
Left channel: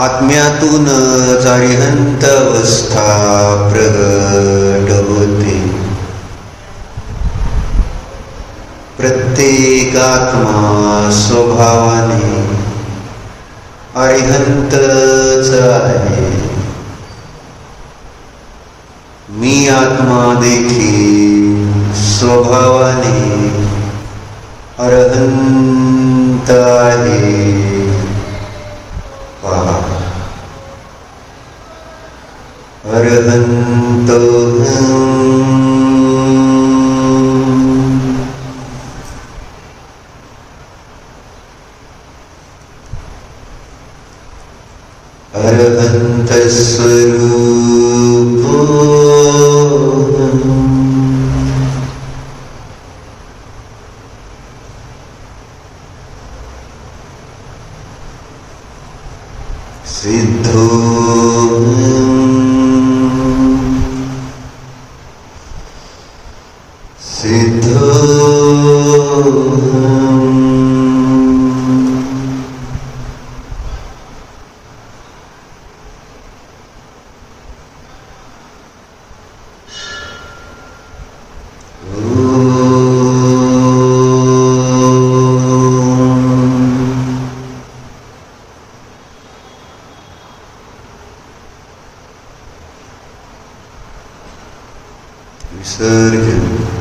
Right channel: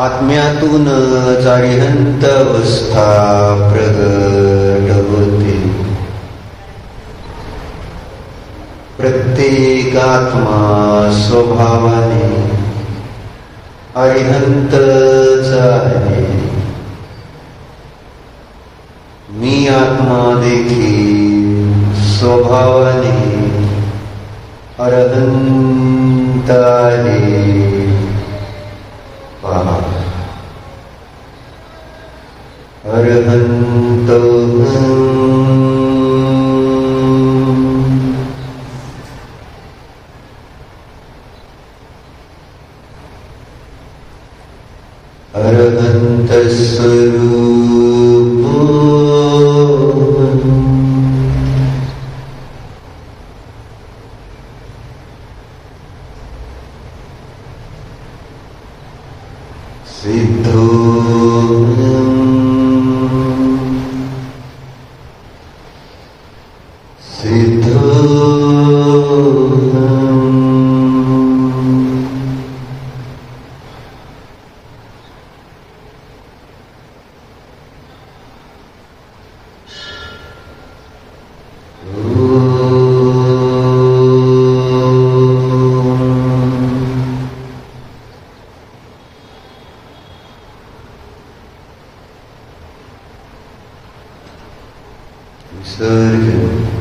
आत्म्यातूनच अरिहंत अवस्था प्रगट होते. प्रत्येक आत्मा स्वभावाने अरिहंतच आहे. मी आत्मा देखील स्वभावाने अरहंत आहे. पहा, अरहंत अरहंत स्वरूप सिद्धो सिद्धो विसर्जन.